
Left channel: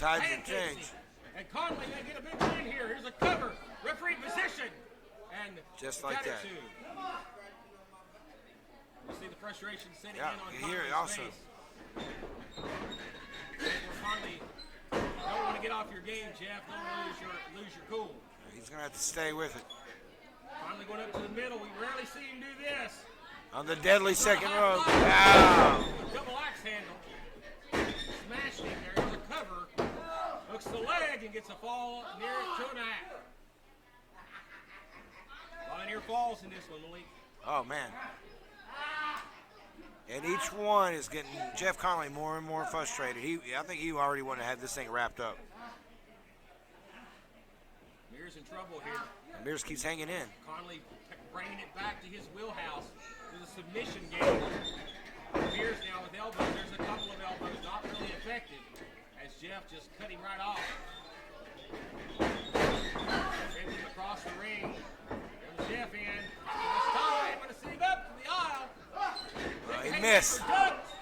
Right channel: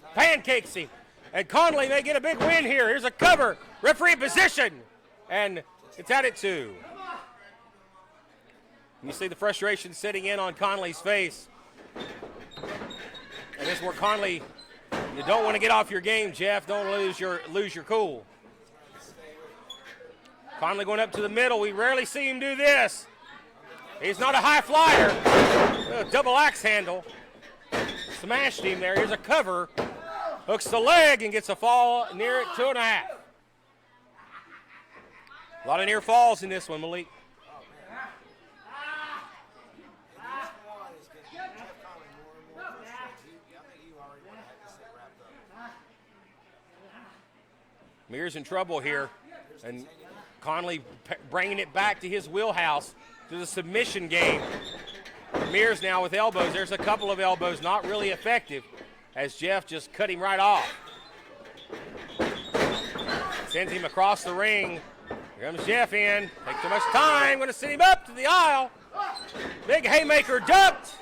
Pancakes him. And Conley may get a big win here. Here's a cover. Referee position. And Just it's like out at that. 2. You see the frustration setting in on Conley's face. And this is where Conley, you don't want to get off your game, Jeff. Don't lose your cool. He's going to have to stay with it. Conley going up to the middle. We rarely see him do this. On the deadly He's not a high flyer. Double axe handle. Smashed him there. Here's a cover. Hooks the leg and gets a fall near it, 2.5. A lot of near falls in this one, Malik. Oh, man. And each one is getting Jeff Conley more and more frustrated. I think he already wanted to have this thing wrapped up. Mears in trouble here. Mears keeps hanging in. Conley bringing it back to his wheelhouse, to the submission game. Mears now with elbows. There's a couple of elbows, not really effective, as Jeff just cut him right off. Sends him across the ring. Here comes Jeff in. Takes too much time. Going to send him up to the aisle. Big haymaker ducked.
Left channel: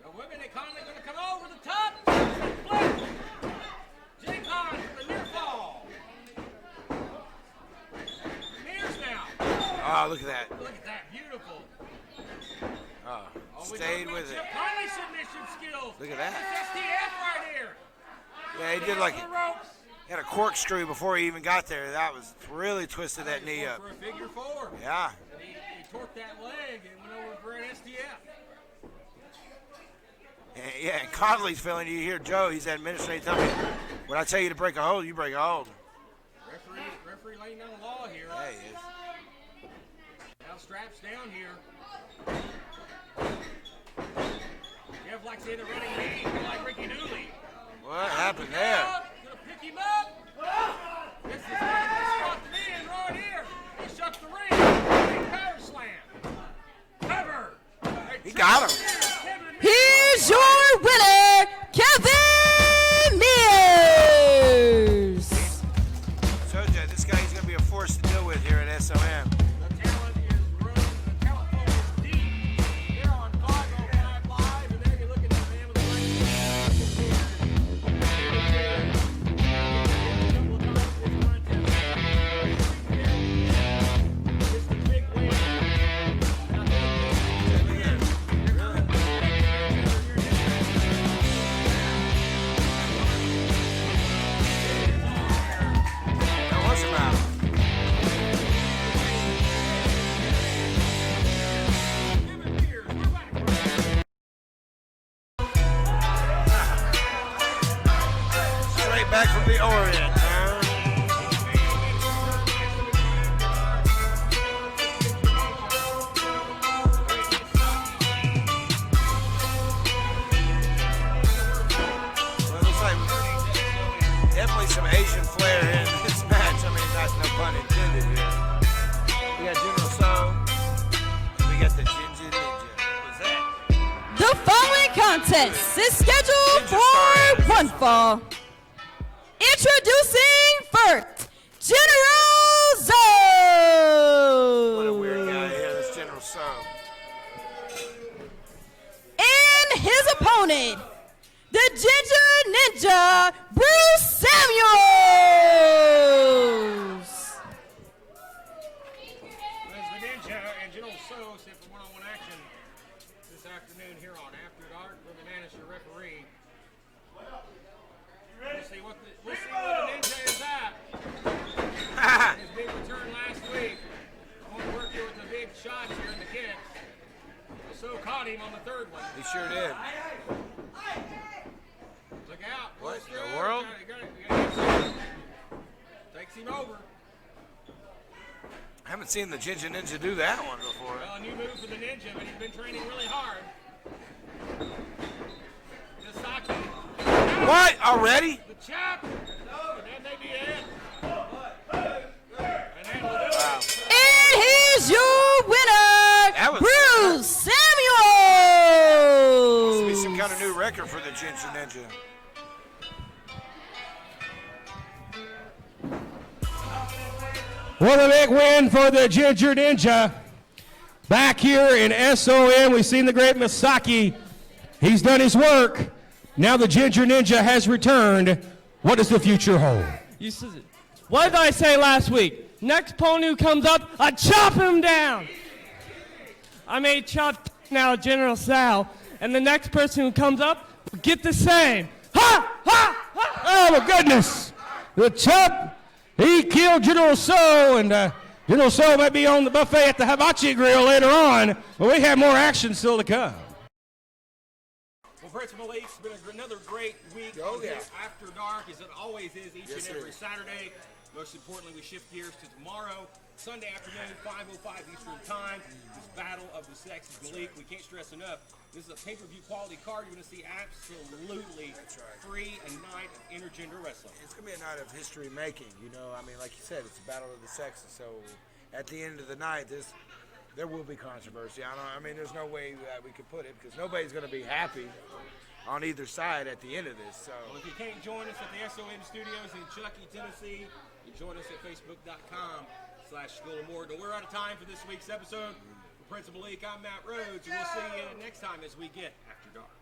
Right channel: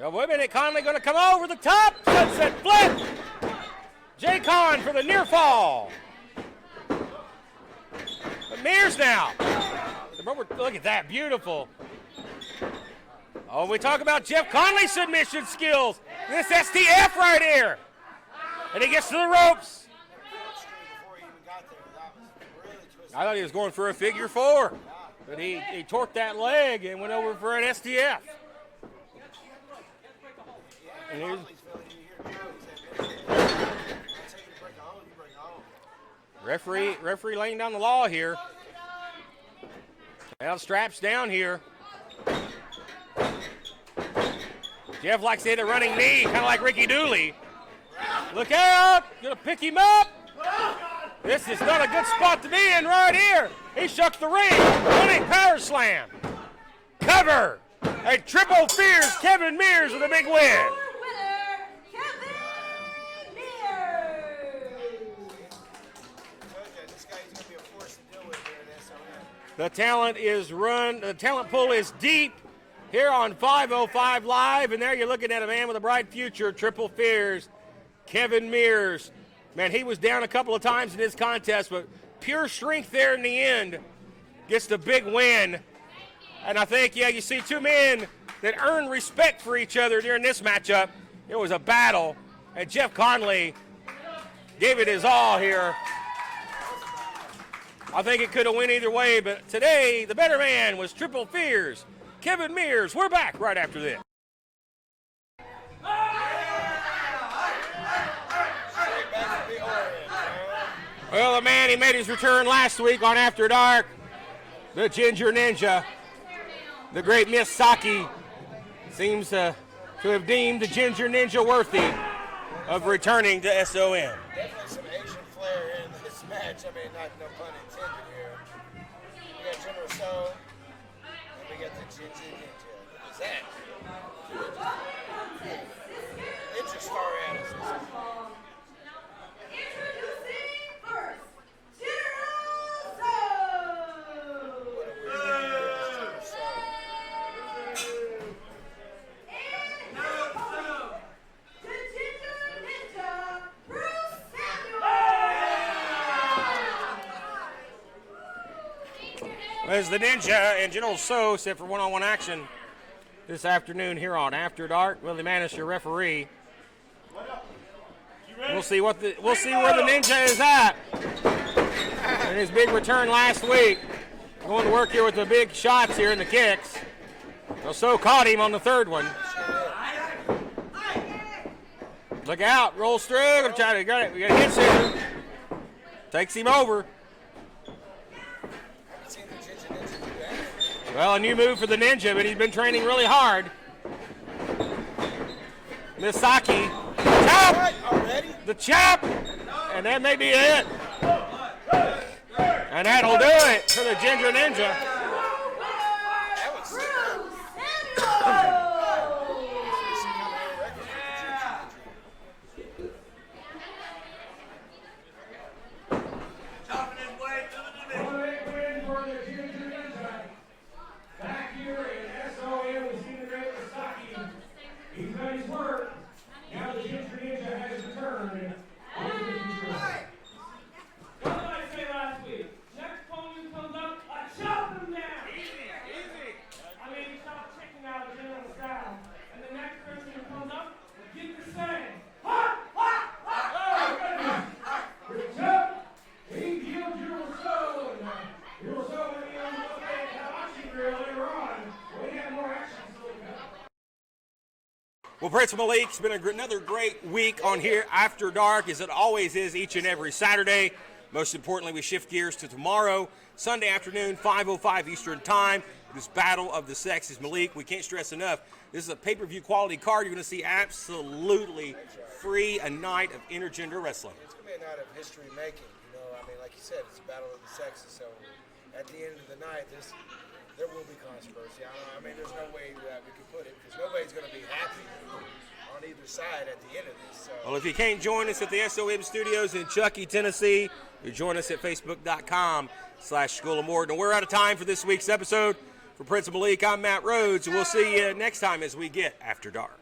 Wait a minute. Conley going to come over the top. Sunset flip. Jay Con for the near fall. But Mears now. Oh, look at that. Look at that. Beautiful. Oh, we talk about Jeff Conley's submission skills. Look at that. This STF right here. Yeah, And he did gets like- to the ropes. He had a corkscrew before he even got there. That was really twisted. I thought that he was knee going up. for a figure 4. Yeah. But he torqued that leg and went over for an STF. Yeah, and Conley's feeling, you hear Joe, he's had minutes straight time. When I tell you to break a hold, you break a hold. Referee laying down the law here. Hey, it's- Now straps down here. Jeff likes to hit a running knee, kind of like Ricky Dooley. what happened Look there? out! Gonna pick him up. This is not a good spot to be in right here. He shucks the ring. Running power slam. Cover. A triple Spears. Kevin Mears Here's with a big your win. winner, Kevin Mears. Told you, this guy, he's going to be a force to deal with here at SOM. The talent is run. The talent pool is deep here on 505 Live. And there you're looking at a man with a bright future, Triple Spears, Kevin Mears. And he was down a couple of times in this contest, but pure strength there in the end. Gets the big win. And I think, yeah, you see two men that earn respect for each other during this matchup. It was a battle. And Jeff Conley gave it his all here. It was a battle. I think it could have went either way, but today the better man was Triple Spears, Kevin Mears. We're back right after this. Straight back from the Orient. Well, the man, he made his return last week on After Dark. The Ginger Ninja, the great Miss Saki, seems to have deemed the Ginger Ninja worthy of returning to SOM. Definitely some Asian flair in this match. I mean, that's no pun intended here. We got Juno So. We got the Ginger Ninja. What's that? The following contest is scheduled for one fall. Introducing first, General Zo. What a weird guy here, this Juno So. And his opponent, the Ginger Ninja, Bruce Samuels. As the Ninja and General So set for one-on-one action this afternoon here on After Dark. Willie Manis, your referee. We'll see where the Ninja is at in his big return last week. Going to work here with the big shots here and the kicks. So caught him on the third one. He sure did. Look out, rolls through. We got it. We got a hit center. Takes him over. I haven't seen the Ginger Ninja do that one before. Well, a new move for the Ninja, but he's been training really hard. Misaki. What? Already? The chop. And that may be it. And that'll do it for the Ginger And Ninja. here's your Ginger Ninja. What a big win for the Ginger Ninja. Back here in SOM, we've seen the great Masaki. He's done his work. Now the Ginger Ninja has returned. What does the future hold? What did I say last week? Next pony who comes up, I chop him down. I made chop now General Sal, and the next person who comes up will get the same. Ha! Ha! Ha! Oh, my goodness. The chop, he killed General So, and General So might be on the buffet at the Hibachi Grill later on, but we have more action still to come. Well, Prince Malik, it's been another great week on here After Dark, as it always is each and every Saturday. Most importantly, we shift gears to tomorrow, Sunday afternoon, 5:05 Eastern Time. This Battle of the Sexes. Malik, we can't stress enough, this is a pay-per-view quality card. You're going to see absolutely free a night of intergender wrestling. It's going to be a night of history making, you know. I mean, like you said, it's a battle of the sexes. So at the end of the night, there will be controversy. I mean, there's no way that we could put it, because nobody's going to be happy on either side at the end of this. So. Well, if you can't join us at the SOM studios in Chuckey, Tennessee, you join us at facebook.com/School of Morton. We're out of time for this week's episode. For Prince Malik, I'm Matt Rhodes, and we'll see you next time as we get After Dark.